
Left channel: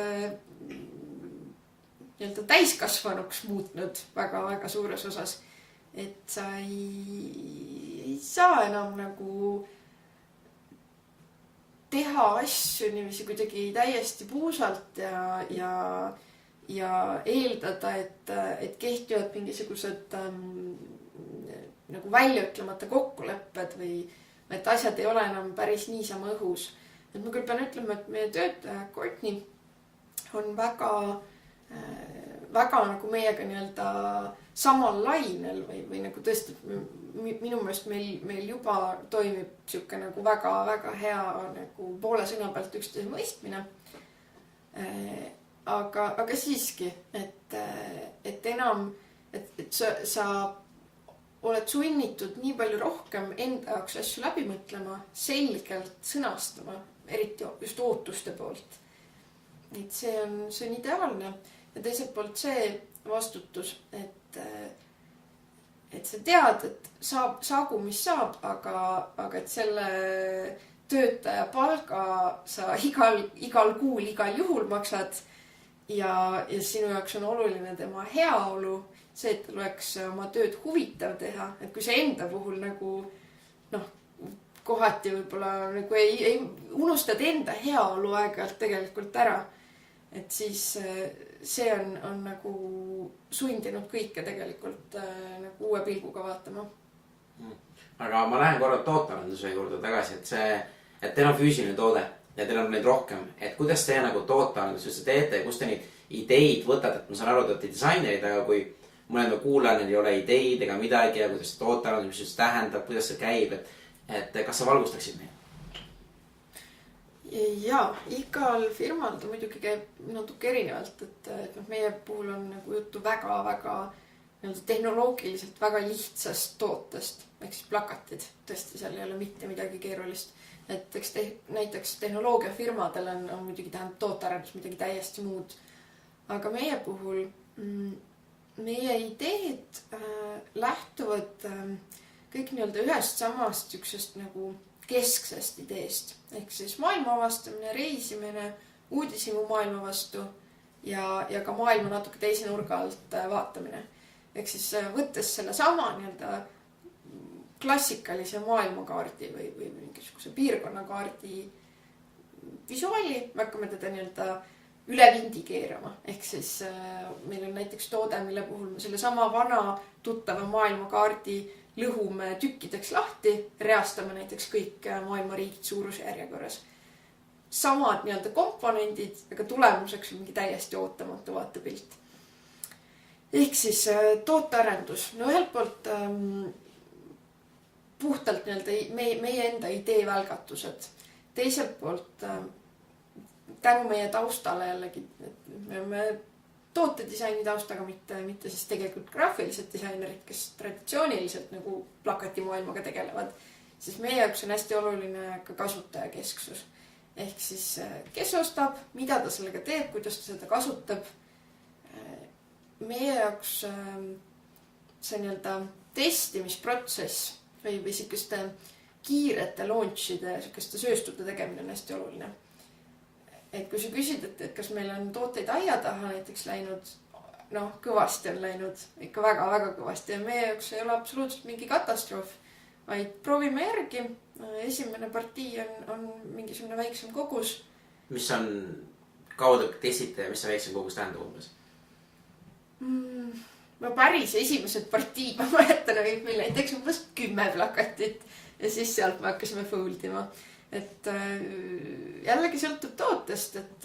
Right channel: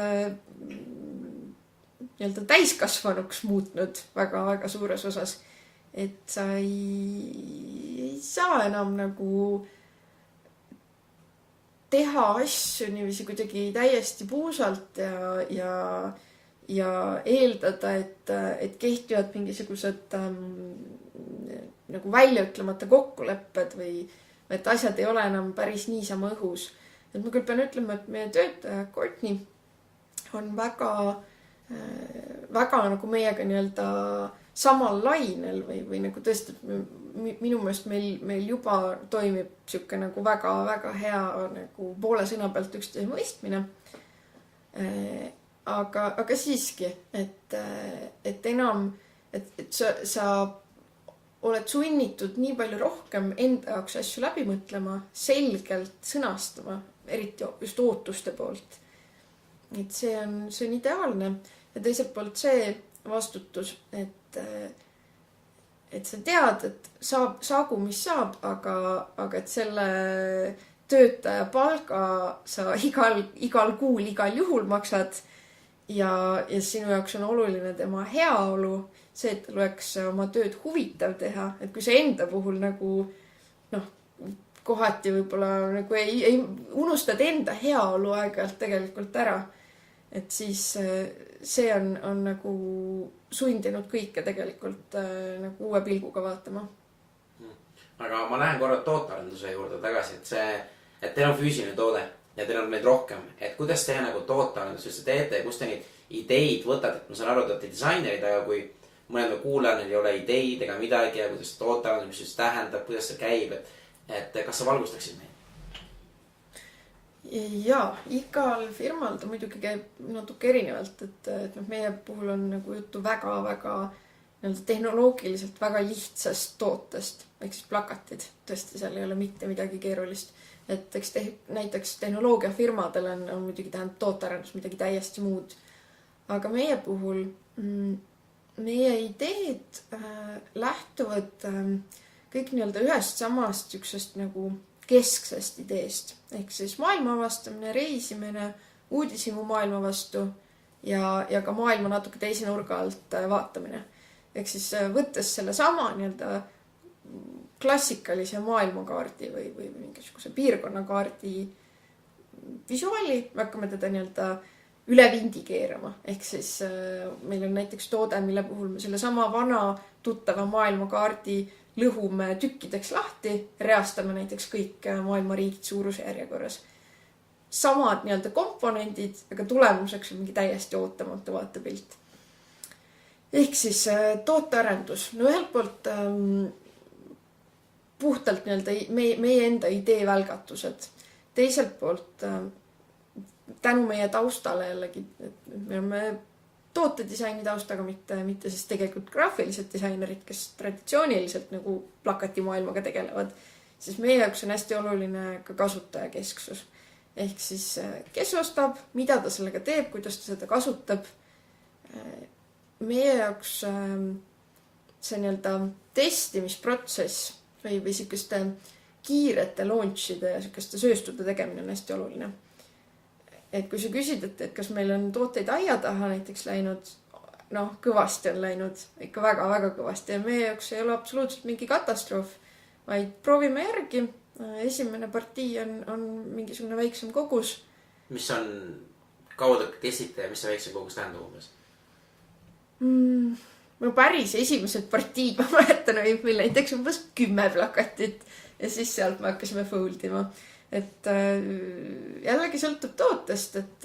täiskasvanuks muutnud väga-väga suures osas, et sa ei saa enam nagu teha asju niiviisi kuidagi täiesti puusalt ja eeldada, et kehtivad mingisugused nagu väljaütlemata kokkulepped või et asjad ei ole enam päris niisama õhus. Et ma küll pean ütlema, et meie töötaja Courtney on väga nagu meiega samal lainel või nagu tõesti, minu meelest meil juba toimib sihuke nagu väga-väga hea nagu poole sõna pealt üksteise mõistmine. Aga siiski, et enam, et sa oled sunnitud nii palju rohkem enda jaoks asju läbi mõtlema, selgelt sõnastama, eriti just ootuste poolt. Et see on ideaalne ja teiselt poolt see vastutus, et sa tead, et saagu mis saab, aga et selle töötaja palga sa igal kuul, igal juhul maksad ja sinu jaoks on oluline tema heaolu, see, et tal oleks oma tööd huvitav teha, et kui sa enda puhul nagu kohati võib-olla nagu ei unustad enda heaolu aeg-ajalt tegelikult ära, et siis see on nagu sundinud kõike tegelikult nagu uue pilguga vaatama. Aga ma lähen korra tootearenduse juurde tagasi, et teil on füüsiline toode ja teil on neid rohkem, et kuidas te nagu tootearendusesse teete ja kust te neid ideid võtate, et ma saan aru, et te olete disainerid, aga kui mõnel kuulajal ei ole ideid ega midagi ja kuidas tootearendus, mis see tähendab, kuidas see käib, et kas sa valgustaksid meid? Jaa, igal firmal ta muidugi käib natuke erinevalt, et meie puhul on nagu juttu väga-väga tehnoloogiliselt väga lihtsast tootest, ehk siis plakatid, tõesti seal ei ole mitte midagi keerulist, et eks näiteks tehnoloogiafirmadel on muidugi tähendab tootearendus midagi täiesti muud, aga meie puhul meie ideed lähtuvad kõik ühest samast niisugusest nagu kesksest ideest, ehk siis maailma avastamine, reisimine, uudishimu maailma vastu ja ka maailma natuke teise nurga alt vaatamine. Ehk siis võttes selle sama klassikalise maailmakaardi või mingisuguse piirkonnakaardi visuaali, me hakkame teda üle vindi keerama. Ehk siis meil on näiteks toode, mille puhul me selle sama vana tuttava maailmakaardi lõhume tükkideks lahti, reastame näiteks kõik maailma riigid suuruse järjekorras. Samad komponendid, aga tulemuseks on mingi täiesti ootamatu vaatepilt. Ehk siis tootearendus. No ühelt poolt puhtalt meie enda idee välgatused. Teiselt poolt tänu meie taustale jällegi, et me oleme tootedisaini taustaga, mitte siis tegelikult graafilised disainerid, kes traditsiooniliselt nagu plakatimaailmaga tegelevad, siis meie jaoks on hästi oluline ka kasutajakesksus. Ehk siis kes ostab, mida ta sellega teeb, kuidas ta seda kasutab. Meie jaoks see testimisprotsess või selliste kiirete launchide ja selliste sööstude tegemine on hästi oluline. Et kui sa küsid, et kas meil on tooteid aia taha näiteks läinud, kõvasti on läinud, ikka väga-väga kõvasti ja meie jaoks ei ole absoluutselt mingi katastroof, vaid proovime järgi. Esimene partii on mingisugune väiksem kogus. Mis on kaudu testite ja mis see väiksem kogus tähendab umbes? Ma päris esimesed partiid ma mäletan, meil näiteks umbes 10 plakatit ja siis sealt me hakkasime foldima. Et jällegi sõltub tootest, et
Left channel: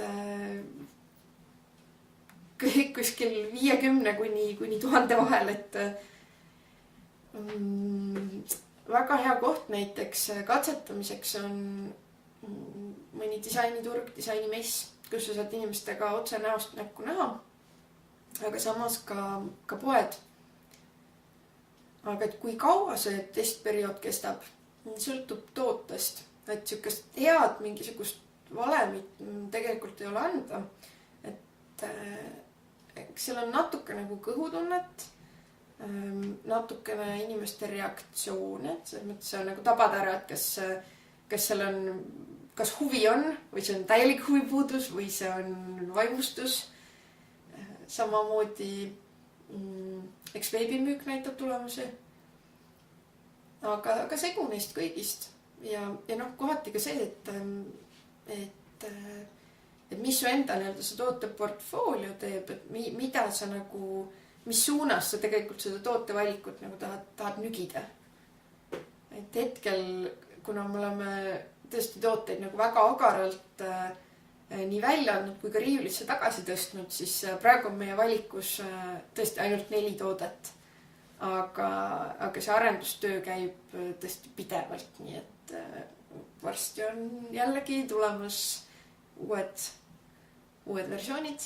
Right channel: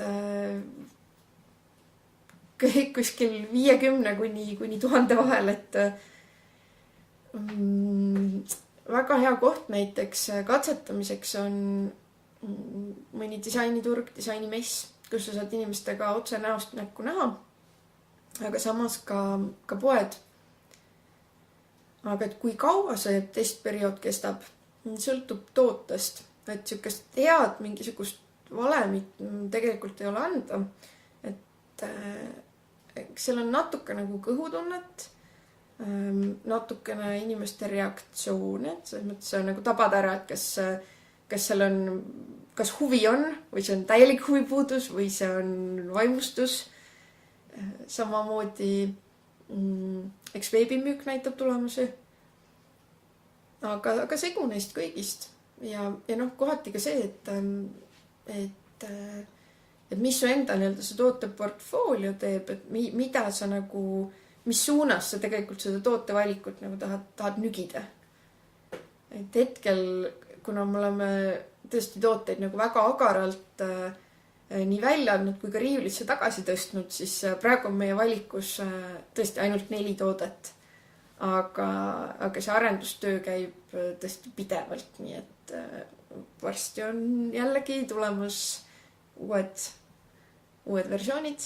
kõik kuskil 50 kuni 1000 vahel, et väga hea koht näiteks katsetamiseks on mõni disainiturg, disainimess, kus sa saad inimestega otse näost näkku näha, aga samas ka poed. Aga et kui kaua see testperiood kestab, sõltub tootest. Et siukest head mingisugust valemit tegelikult ei ole anda. Et seal on natuke nagu kõhutunnet, natukene inimeste reaktsioone, selles mõttes see on nagu tabada ära, et kas seal on, kas huvi on või see on täielik huvipuudus või see on vaimustus. Samamoodi eks veebimüük näitab tulemusi, aga segu neist kõigist. Ja kohati ka see, et mis su enda see tooteportfoolio teeb, et mida sa nagu, mis suunas sa tegelikult seda tootevalikut nagu tahad nügida. Et hetkel, kuna me oleme tõesti tooteid nagu väga agaralt nii välja andnud kui ka riiulisse tagasi tõstnud, siis praegu on meie valikus tõesti ainult 4 toodet. Aga see arendustöö käib tõesti pidevalt, nii et varsti on jällegi tulemas uued versioonid.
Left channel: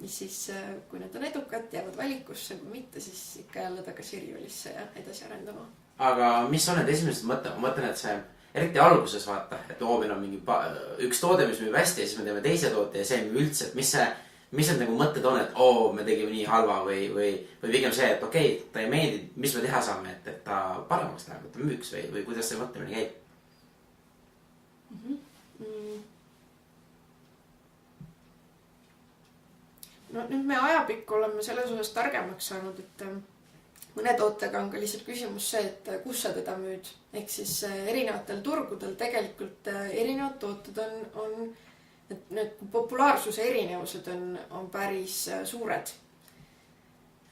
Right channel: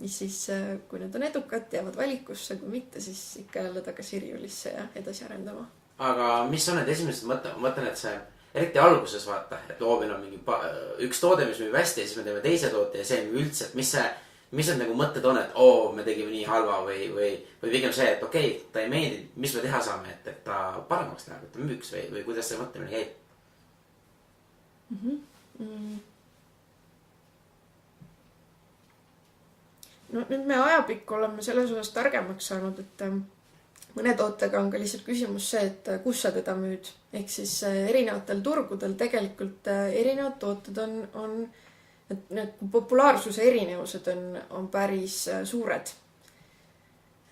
Ja siis, kui need on edukad, jäävad valikusse, kui mitte, siis ikka jälle tagasi riiulisse ja edasi arendama. Aga mis on need esimesed mõtted? Ma mõtlen, et see eriti alguses vaata, et loomine on mingi üks toode, mis müüb hästi ja siis me teeme teise toote ja see müüb üldse, et mis need nagu mõtted on, et me tegime nii halva või pigem see, et okei, ta ei meeldi, mis me teha saame, et ta paremaks läheb, et ta müüks või kuidas see mõtlemine käib? No nüüd me ajapikku oleme selles osas targemaks saanud, et mõne tootega on ka lihtsalt küsimus see, et kus sa teda müüd. Ehk siis erinevatel turgudel tegelikult erinevad tooted on et need populaarsuse erinevused on päris suured.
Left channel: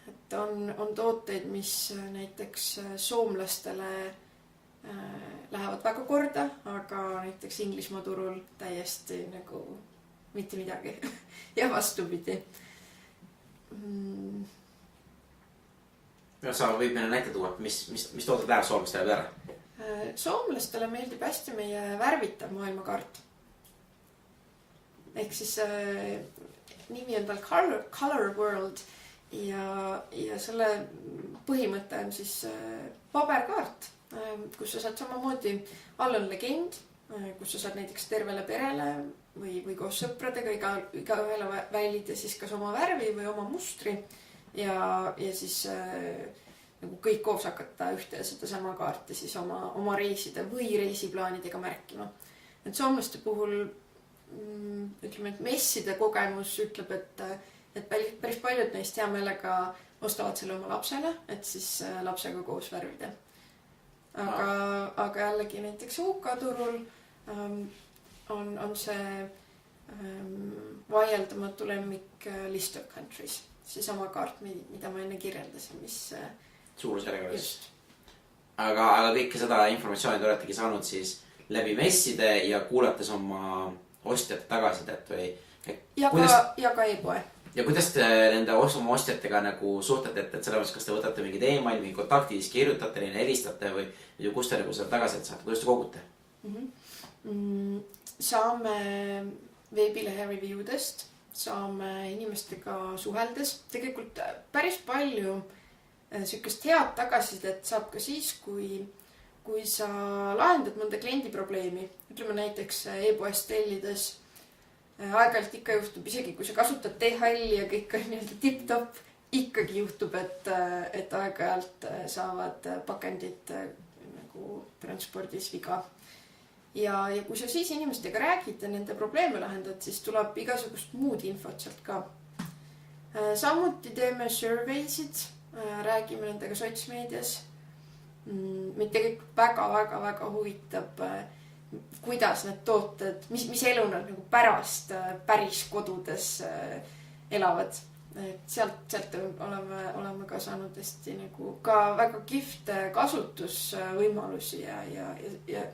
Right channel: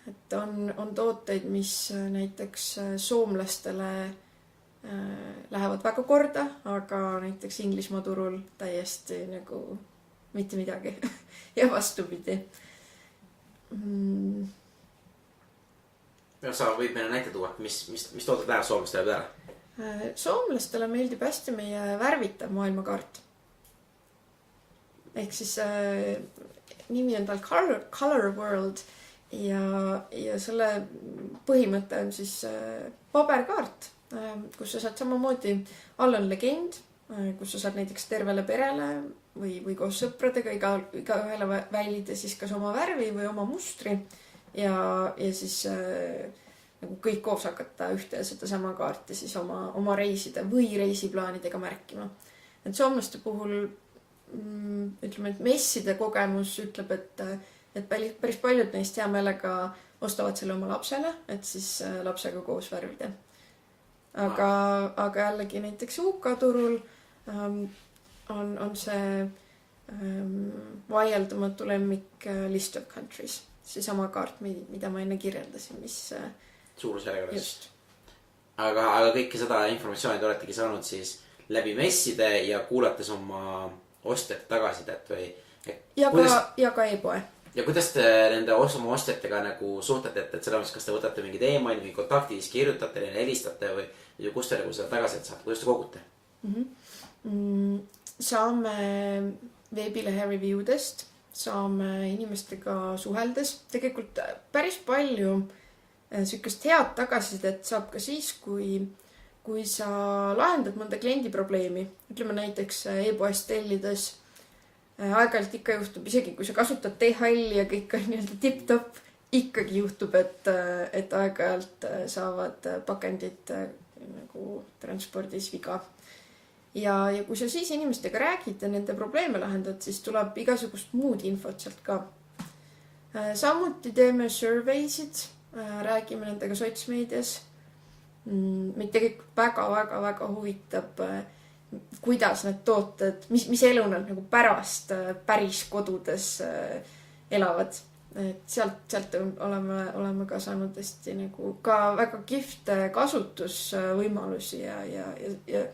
Et on tooteid, mis näiteks soomlastele lähevad väga korda, aga näiteks Inglismaa turul täiesti nagu mitte midagi ja vastupidi. Sa võid meile näite tuua, mis tooted läheb soomlastele peale? Soomlastele meeldib hästi meie värvitav maailmakaart. Ehk siis nimi on tal Color World ja selle põhimõte on siis paberkaart, kus sa saad samamoodi, all on legend, kus sa saad näiteks tervele perele või koos sõpradega igaühele välida siis kas oma värvi või oma mustri ja siis nagu kõik koos hakata ühte ja seda sama kaarti siis oma reiside või reisiplaanidega märkima. Et soomlaste puhul ütleme, et messide kogemus ütleb, et päris paljud neist hea meelega ostavad selle oma lapsele, et siis lapsega koos värvida. Aga jällegi näiteks UK turul on see vaieldamatu lemmik List of Countries. See sama kaart, mida ma enne kirjeldasin, mis suurusjärgus. Just. Aga kõike seda informatsiooni te oletegi saanud siis läbi messide ja kuulates oma ostjate tagasidet või? Ja ka e-poe. Ja kuidas te nende oma ostjatega nagu suhtlete, et selles mõttes, kas te võtate mingid e-maili, mingid kontaktid, siis kirjutate neile, helistate või kus te nagu seda tagasidet saate, kuidas te kogute? Saame veebilehe reviewdest, saame inimestega suheldes. Tegelikult päris palju sükest head tagasisidet saab ka siis, kui sa lahendad mõnda kliendi probleemi. Ütleme näiteks e-poest tellides. Aeg-ajalt ikka juhtub, isegi kui sa kasutad DHL ja kõik on nii-öelda tip-top, ikkagi juhtub, et aeg-ajalt saavad pakendid nagu transpordis viga. Ja kui sa siis inimestega räägid ja nende probleeme lahendad, siis tuleb igasugust muud infot sealt ka. Samuti teeme surveysid, räägime nendega sotsmeedias. Meid tegelikult väga huvitab, kuidas need tooted, mis elu nad nagu pärast päris kodudes elavad. Et sealt oleme ka saanud hästi nagu ka väga kihvte kasutusvõimalusi ja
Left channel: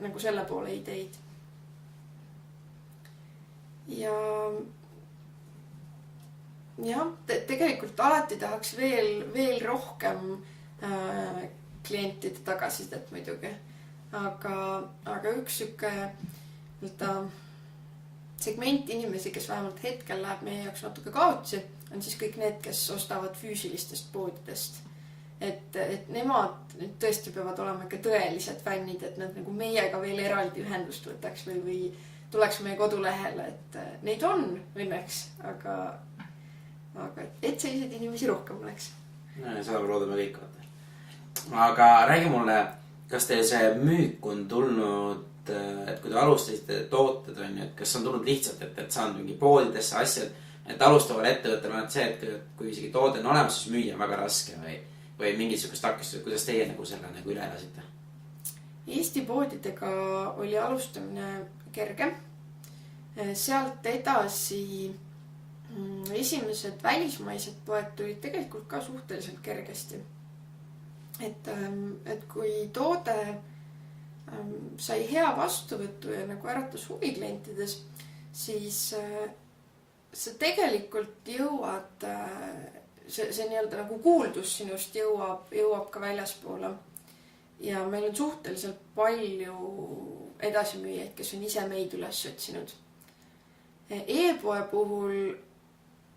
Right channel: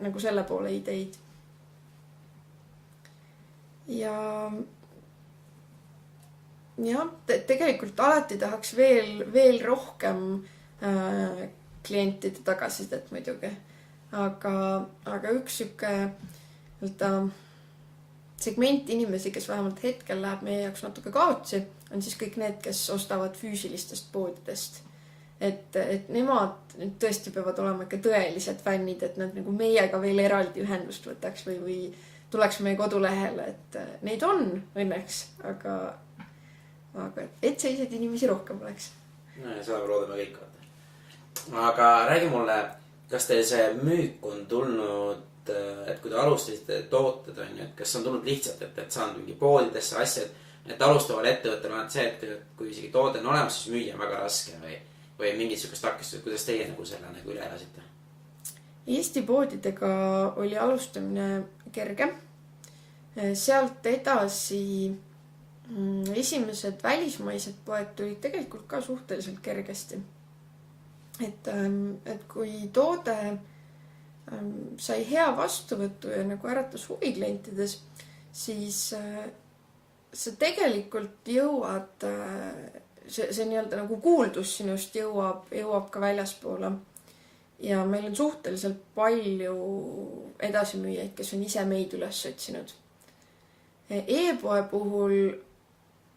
nagu selle poole ideid. Ja tegelikult alati tahaks veel rohkem klientide tagasisidet muidugi. Aga üks süke segment inimesi, kes vähemalt hetkel läheb meie jaoks natuke kaotsi, on siis kõik need, kes ostavad füüsilistest poodidest. Et nemad tõesti peavad olema ikka tõelised fännid, et nad nagu meiega veel eraldi ühendust võtaks või tuleks meie kodulehele, et neid on õnneks, aga et selliseid inimesi rohkem oleks. Seda me loodame kõik. Aga räägi mulle, kas teil see müük on tulnud, et kui te alustasite tooted on ju, et kas on tulnud lihtsalt, et saanud mingi poodidesse asjad, et alustaval ettevõttel on see, et kui isegi toode on olemas, siis müüa on väga raske või mingisugust takistust, kuidas teie nagu selle nagu üle elasite? Eesti poodidega oli alustamine kerge. Sealt edasi esimesed välismaised poed tulid tegelikult ka suhteliselt kergesti. Et kui toode sai hea vastuvõttu ja nagu äratas huvi klientides, siis sa tegelikult jõuad, see nii-öelda nagu kuuldus sinust jõuab ka väljaspoole. Ja meil on suhteliselt palju edasimüüjaid, kes on ise meid üles otsinud. E-poe puhul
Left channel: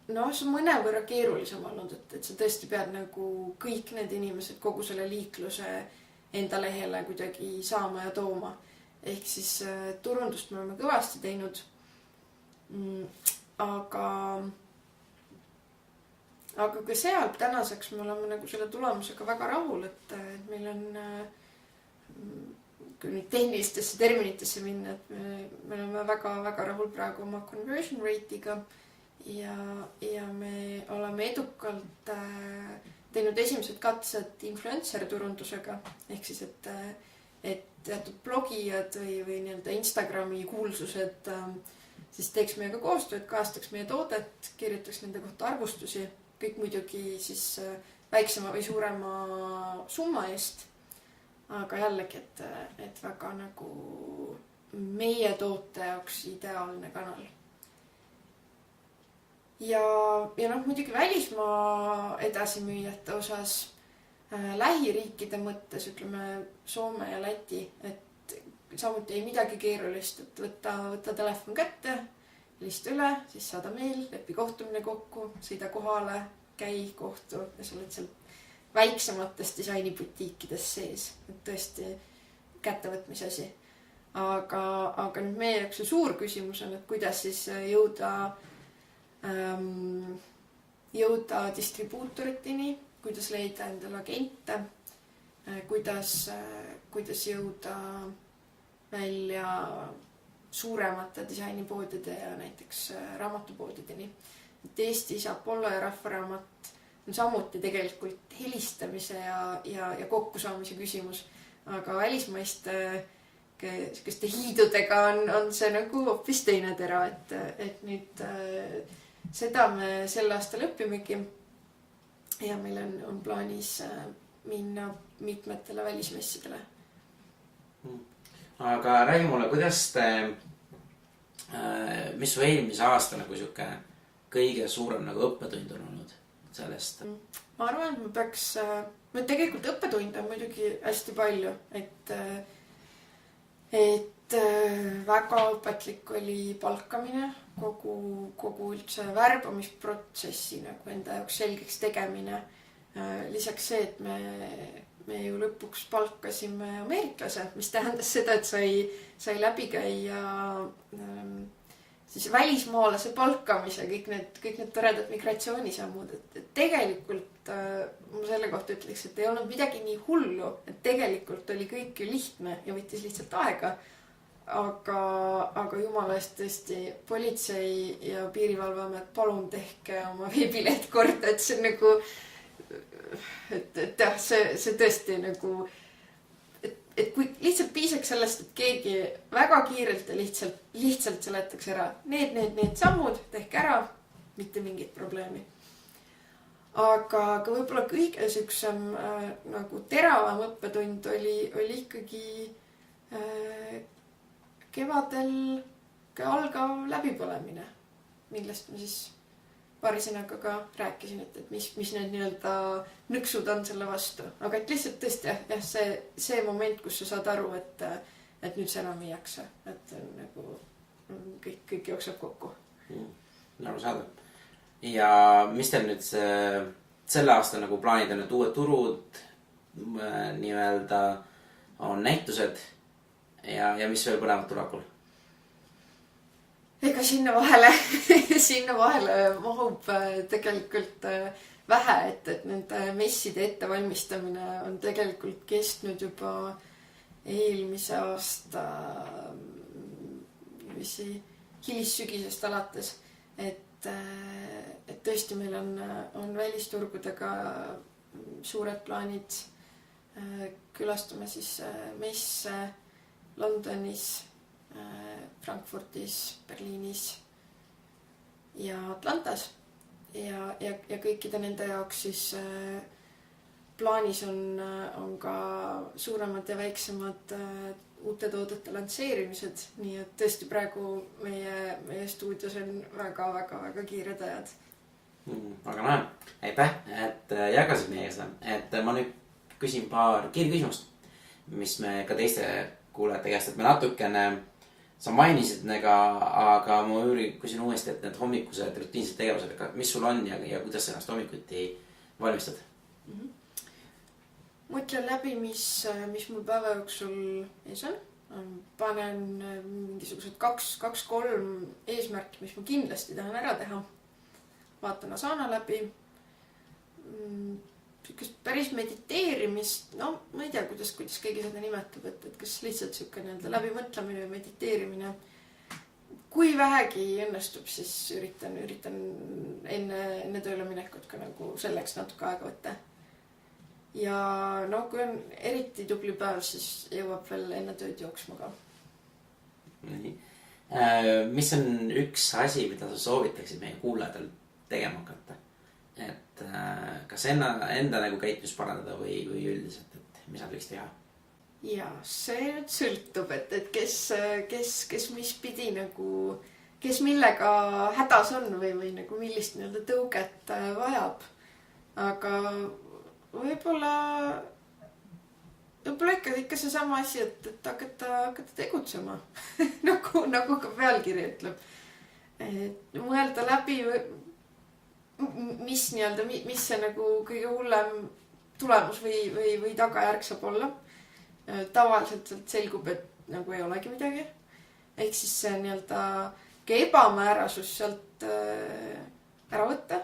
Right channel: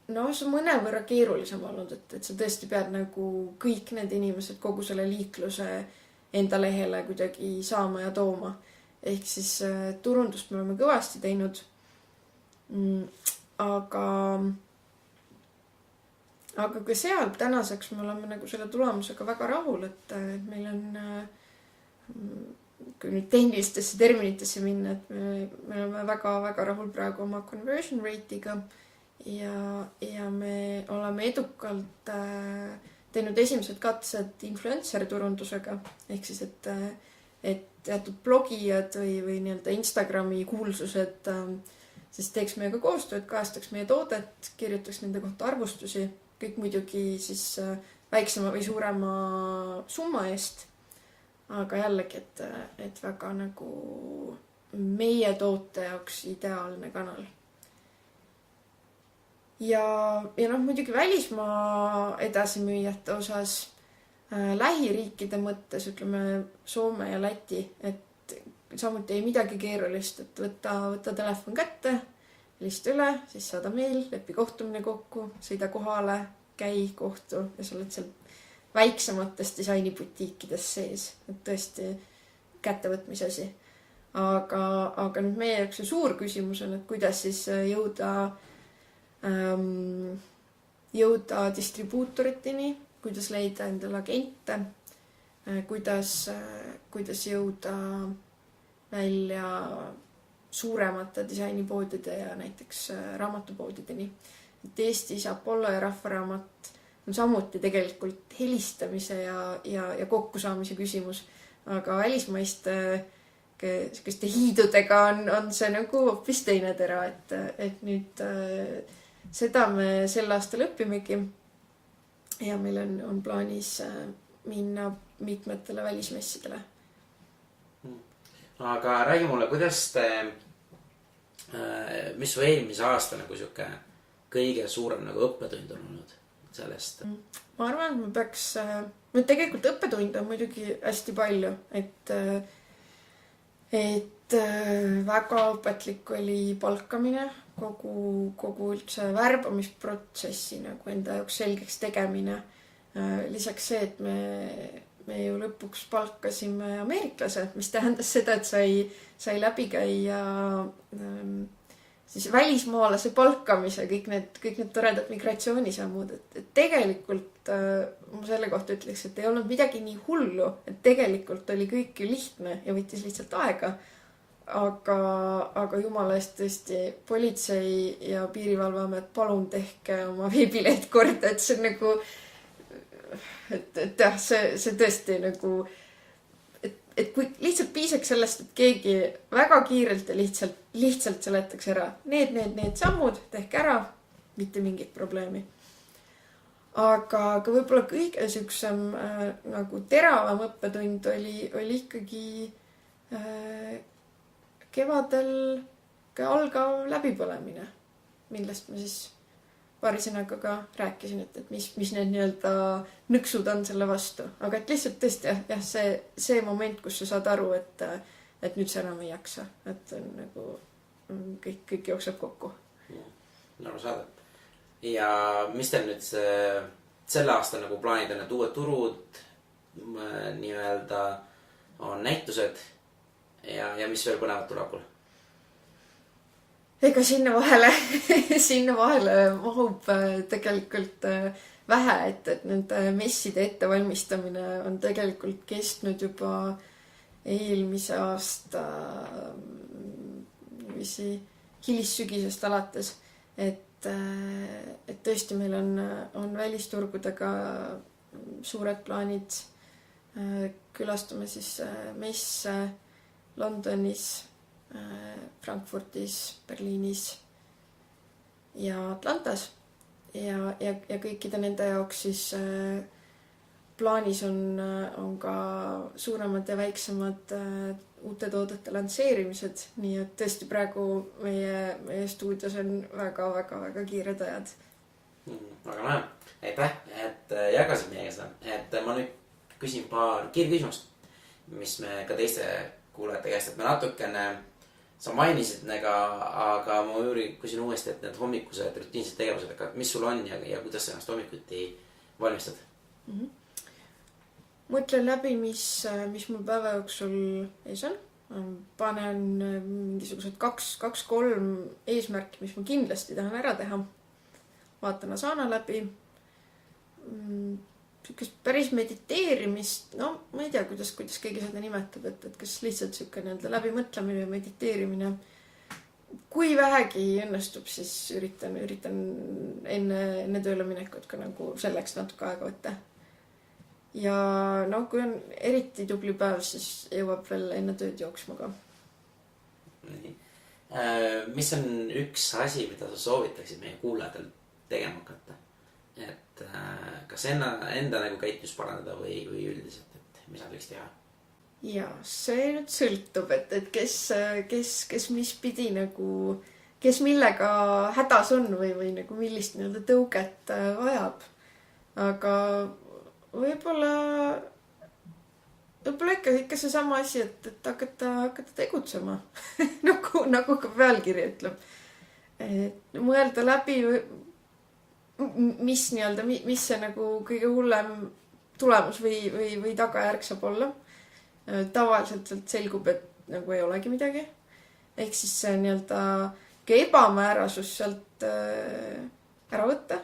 see mõnevõrra keerulisem olnud, et sa tõesti pead nagu kõik need inimesed kogu selle liikluse enda lehele kuidagi saama ja tooma. Ehk siis turundust me oleme kõvasti teinud. Aga ka seal tänaseks me oleme nagu selle tulemusega väga rahul, et meil on, kui nüüd tehnilistesse terminitesse minna, et me oleme väga rahul praegu oma conversion rate'iga ja me oleme edukalt teinud esimesed katsed influencer turundusega. Ehk siis, et teatud blogijad või nii-öelda Instagrami kuulsused siis teeks meiega koostööd, kajastaks meie toodet, kirjutaks nende kohta arvustusi, kõik muidugi siis väiksema või suurema summa eest. Aga jällegi, et väga nagu meie toote jaoks ideaalne kanal. Ja muidugi välismaa edasimüüjate osas lähiriikide mõttes, ütleme Soome ja Läti, et samuti ei midagi keerulist, et võtta telefon kätte, helista üle, siis saada meil, lepi kohtumine kokku, sõida kohale, käi kohtu ja sa oled seal väiksemates disainibutiikides sees, et tõesti kättevõtmise asi. Aga nüüd meie jaoks see suur küsimus on, et kuidas siis jõuda distribuutoriteni, kuidas leida endale agente, kuidas jõuda välja suuremate disainipoodide ja näiteks raamatupoodideni. Et Eestis Apollo ja Rahvaraamat on samuti tegelikult helistamise ja kokkusaamise küsimus, aga välismaiste hiidudega on see nagu hoopis teine tera, et nüüd seda me sel aastal õppimegi ja meil on plaanis minna mitmetele välismessidele. Aga räägi mulle, mis su eelmise aasta nagu siuke kõige suurem nagu õppetund on olnud sellest? Ma arvan, et tegelikult õppetunde on muidugi hästi palju, et väga õpetlik oli palkamine, kogu üldse värbamisprotsessi nagu enda jaoks selgeks tegemine. Lisaks see, et me ju lõpuks palkasime ameeriklase, mis tähendas seda, et sai läbi käia siis välismaalase palkamise, kõik need toredad migratsioonisammud, et tegelikult ma selle kohta ütleks, et ei olnud midagi nii hullu, et tegelikult oli kõik ju lihtne ja võttis lihtsalt aega, aga jumala eest tõesti Politsei- ja Piirivalveamet, palun tehke oma veebileht korda, et see on nagu et jah, see tõesti nagu et kui lihtsalt piisaks sellest, et keegi väga kiirelt ja lihtsalt seletaks ära need sammud, tehke ära, mitte mingit probleemi. Aga võib-olla kõige süksem nagu teravam õppetund oli ikkagi kevadel algav läbipõlemine, millest ma siis paari sõnaga ka rääkisin, et mis need nii-öelda nõksud on selle vastu. Aga et lihtsalt tõesti jah, see moment, kus sa saad aru, et nüüd sa enam ei jaksa. Et nagu kõik jookseb kokku. Nagu saada. Ja mis teil nüüd selle aasta nagu plaanid on, et uued turud, nii-öelda on näitused ja mis veel põnevat tuleb? Ega sinna vahele mahub tegelikult vähe, et nende messide ettevalmistamine on tegelikult kestnud juba eelmise aasta hilissügisest alates, et tõesti meil on välisturgudega suured plaanid. Külastame siis messe Londonis, Frankfurtis, Berliinis ja Atlantas ja kõikide nende jaoks siis plaanis on ka suuremad ja väiksemad uute toodete lansseerimised, nii et tõesti praegu meie stuudios on väga kiired ajad. Aga näe, aitäh, et jagasid meiega seda, et ma nüüd küsin paar kiirküsimust, mis me ka teiste kuulajate käest, et me natukene sa mainisid aga ma küsin uuesti, et need hommikused rutiinsed tegevused, mis sul on ja kuidas sa ennast hommikuti valmistad? Mõtlen läbi, mis mul päeva jooksul ees on. Panen mingisugused 2-3 eesmärki, mis ma kindlasti tahan ära teha. Vaatan Asana läbi. Päris mediteerimist, no ma ei tea, kuidas keegi seda nimetab, et kas lihtsalt siuke nii-öelda läbimõtlemine või mediteerimine. Kui vähegi õnnestub, siis üritan enne tööle minekut ka nagu selleks natuke aega võtta. Ja no, kui on eriti tubli päev, siis jõuab veel enne tööd jooksma ka. Mis on üks asi, mida sa soovitaksid meie kuulajatel tegema hakata? Et kas enda nagu käitus parandada või üldiselt, et mis nad võiks teha? Ja see nüüd sõltub, et kes mis pidi nagu, kes millega hädas on või nagu millist nii-öelda tõuget vajab. Aga võib-olla ikka seesama asi, et hakata tegutsema nagu ka pealkiri ütleb. Et mõelda läbi, mis see nagu kõige hullem tulemus või tagajärg saab olla. Tavaliselt sealt selgub, et nagu ei olegi midagi. Ehk siis see ebamäärasus sealt ära võtta,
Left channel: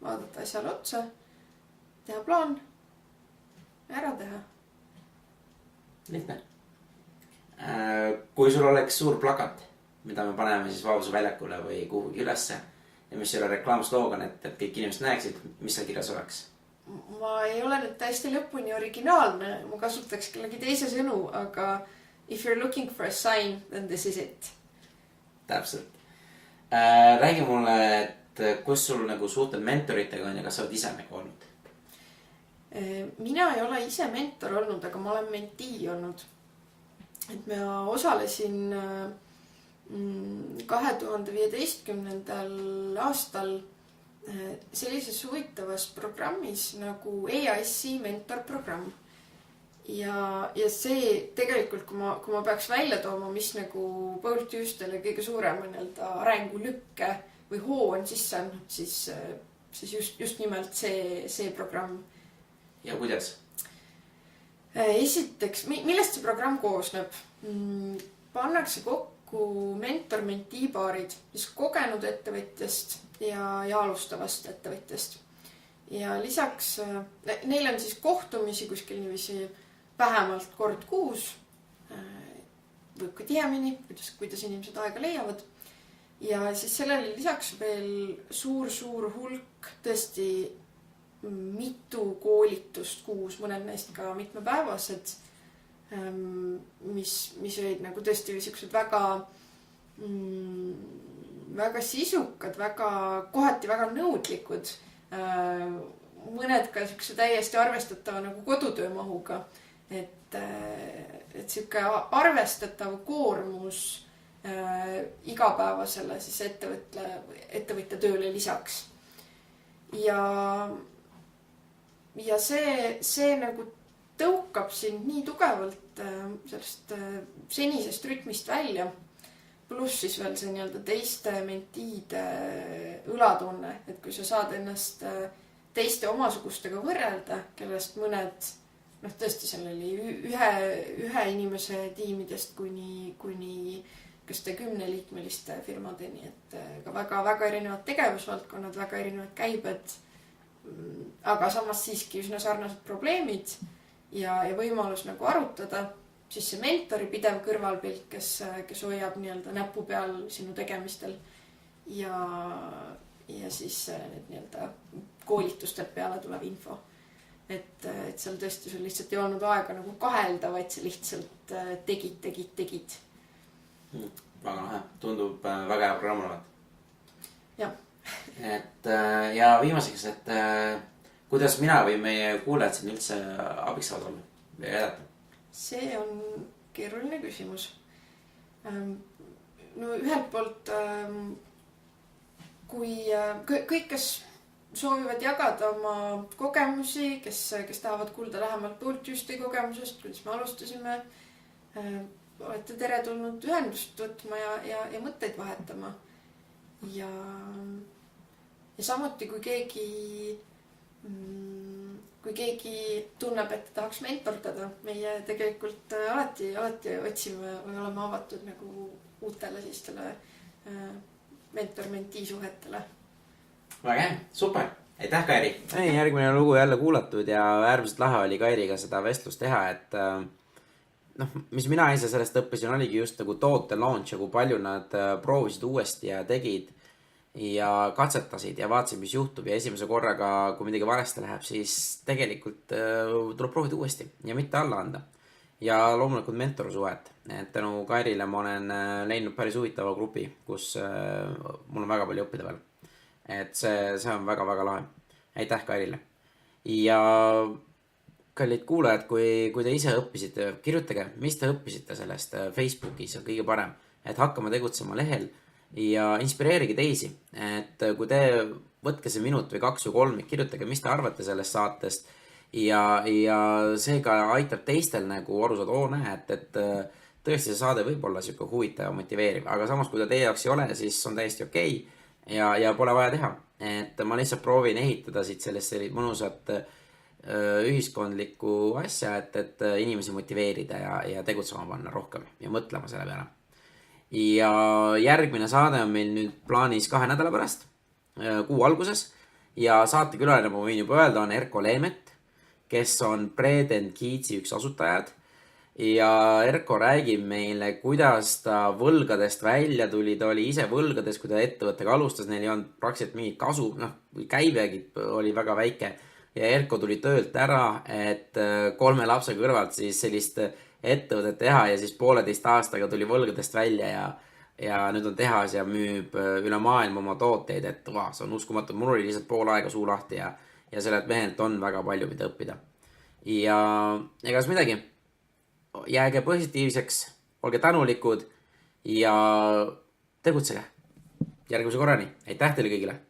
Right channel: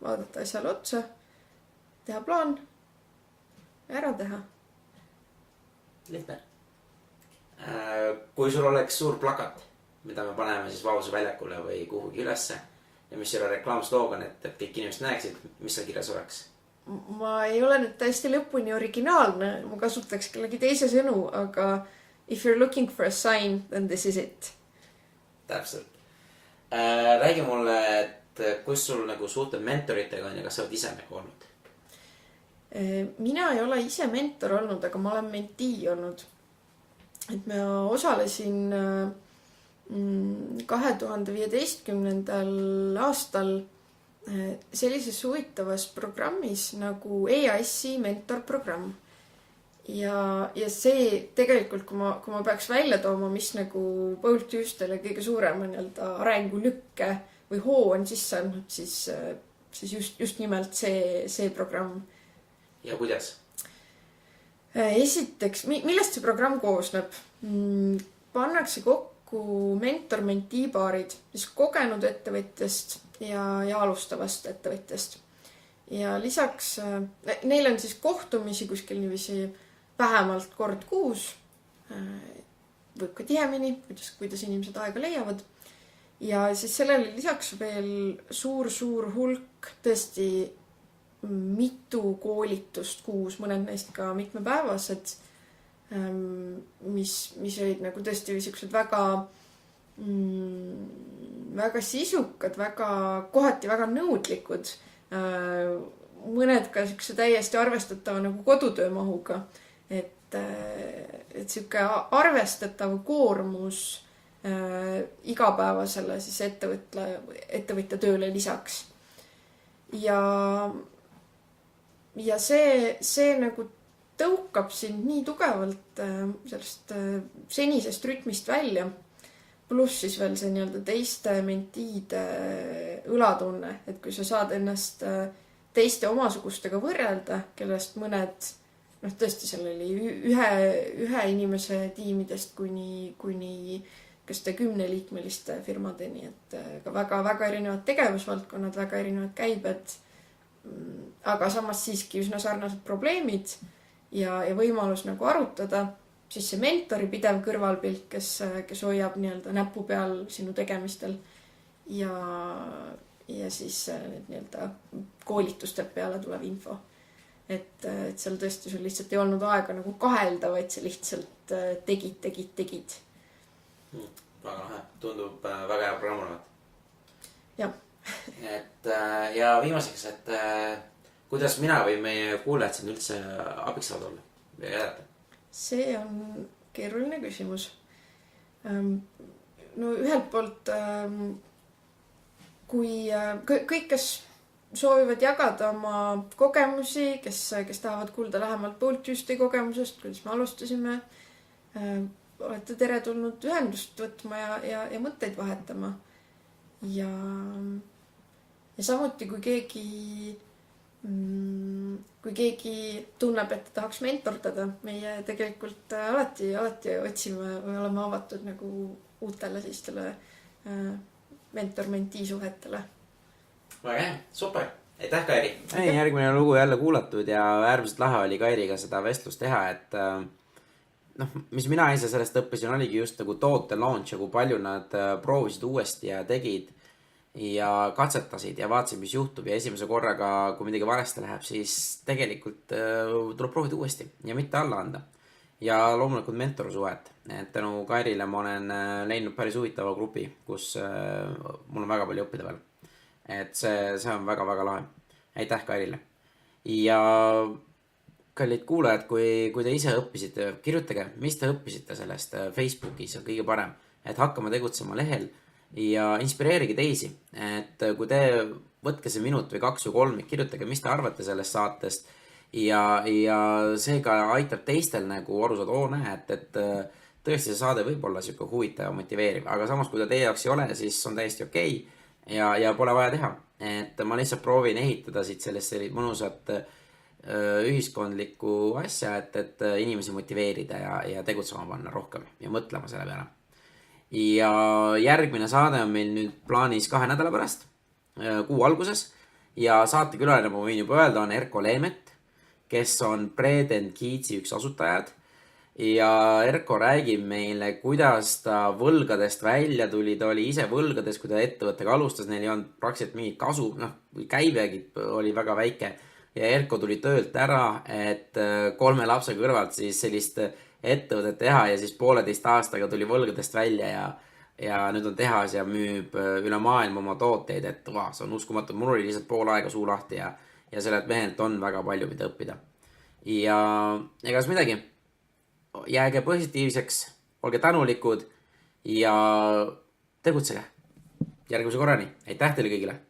vaadata asjale otsa, teha plaan, ära teha. Lihtne. Kui sul oleks suur plakat, mida me paneme siis Vabaduse väljakule või kuhugi ülesse ja mis selle reklaamsloogan, et kõik inimesed näeksid, mis seal kirjas oleks? Ma ei ole nüüd täiesti lõpuni originaalne, ma kasutaks kellegi teise sõnu, aga if you're looking for a sign, then this is it. Täpselt. Räägi mulle, et kus sul nagu suhted mentoritega on ja kas sa oled ise nagu olnud? Mina ei ole ise mentor olnud, aga ma olen mentee olnud. Et ma osalesin 2015. aastal sellises huvitavas programmis nagu EAS-i mentorprogramm. Ja see tegelikult, kui ma peaks välja tooma, mis nagu Paul Tüüstele kõige suurema arengulükke või hoo on sisse andnud, siis just nimelt see programm. Ja kuidas? Esiteks, millest see programm koosneb? Pannakse kokku mentor-mentee paarid, siis kogenud ettevõtjast ja alustavast ettevõtjast. Ja lisaks, neil on siis kohtumisi kuskil niiviisi vähemalt kord kuus, võib ka tihemini, kuidas inimesed aega leiavad. Ja siis sellele lisaks veel suur hulk tõesti mitu koolitust kuus, mõned neist ka mitmepäevased, mis olid nagu tõesti sellised väga sisukad, kohati väga nõudlikud, mõned ka selline täiesti arvestatava nagu kodutöömahuga, et selline arvestatav koormus igapäevasele siis ettevõtja tööle lisaks. Ja see nagu tõukab sind nii tugevalt sellest senisest rütmist välja, pluss siis veel see teiste mentiide õlatunne, et kui sa saad ennast teiste omasugustega võrrelda, kellest mõned, tõesti seal oli ühe inimese tiimidest kuni kas 10-liikmeliste firmadeni, et ka väga erinevad tegevusvaldkonnad, väga erinevad käibed, aga samas siiski üsna sarnased probleemid ja võimalus nagu arutada, siis see mentori pidev kõrvalpilt, kes hoiab näpu peal sinu tegemistel ja siis need koolitustelt peale tuleb info. Et seal tõesti sul lihtsalt ei olnud aega nagu kahelda, vaid sa lihtsalt tegid. Väga lahe, tundub väga hea programm olevat. Jah. Ja viimaseks, et kuidas mina või meie kuulajad siin üldse abiks saavad olla või jäljata? See on keeruline küsimus. No ühelt poolt, kui kõik, kes soovivad jagada oma kogemusi, kes tahavad kuulda lähemalt Paul Tüüsti kogemusest, kuidas me alustasime, olete teretulnud ühendust võtma ja mõtteid vahetama. Ja samuti, kui keegi tunneb, et tahaks mentordada, meie tegelikult alati otsime või oleme avatud nagu uutele sellistele mentor-mentee suhetele. Väga hea, super. Aitäh, Kairi. Järgmine lugu jälle kuulatud ja äärmiselt lahe oli Kairiga seda vestlust teha, et mis mina ise sellest õppisin, oligi just nagu toote launch ja kui palju nad proovisid uuesti ja tegid ja katsetasid ja vaatasid, mis juhtub ja esimese korraga, kui midagi valesti läheb, siis tegelikult tuleb proovida uuesti ja mitte alla anda. Ja loomulikult mentorsuhet, et tänu Kairile ma olen leidnud päris huvitava grupi, kus mul on väga palju õppida veel. Et see on väga lahe. Aitäh Kairile. Ja kallid kuulajad, kui te ise õppisite, kirjutage, mis te õppisite sellest Facebookis on kõige parem, et hakkama tegutsema lehel ja inspireerige teisi, et kui te võtke see minut või 2 või 3, kirjutage, mis te arvate sellest saatest ja see ka aitab teistel nagu aru saada, oo näe, et tõesti see saade võib olla siuke huvitav ja motiveeriv, aga samas kui ta teie jaoks ei ole, siis on täiesti okei ja pole vaja teha. Et ma lihtsalt proovin ehitada siit sellist mõnusat ühiskondlikku asja, et inimesi motiveerida ja tegutsema panna rohkem ja mõtlema selle peale. Ja järgmine saade on meil nüüd plaanis 2 nädala pärast, kuu alguses, ja saatekülaline, ma võin juba öelda, on Erko Leemet, kes on Bread & Kids'i üks asutajad. Ja Erko räägib meile, kuidas ta võlgadest välja tuli, ta oli ise võlgades, kui ta ettevõttega alustas, neil ei olnud praktiliselt mingit kasu, käibegi oli väga väike. Ja Erko tuli töölt ära, et 3 lapse kõrvalt siis sellist ettevõtet teha ja siis 1,5 aastaga tuli võlgadest välja ja nüüd on tehas ja müüb üle maailma oma tooteid, et see on uskumatu, mul oli lihtsalt pool aega suu lahti ja sellelt mehelt on väga palju mida õppida. Ja egas midagi, jääge positiivseks, olge tänulikud ja tegutsege. Järgmise korrani, aitäh teile kõigile!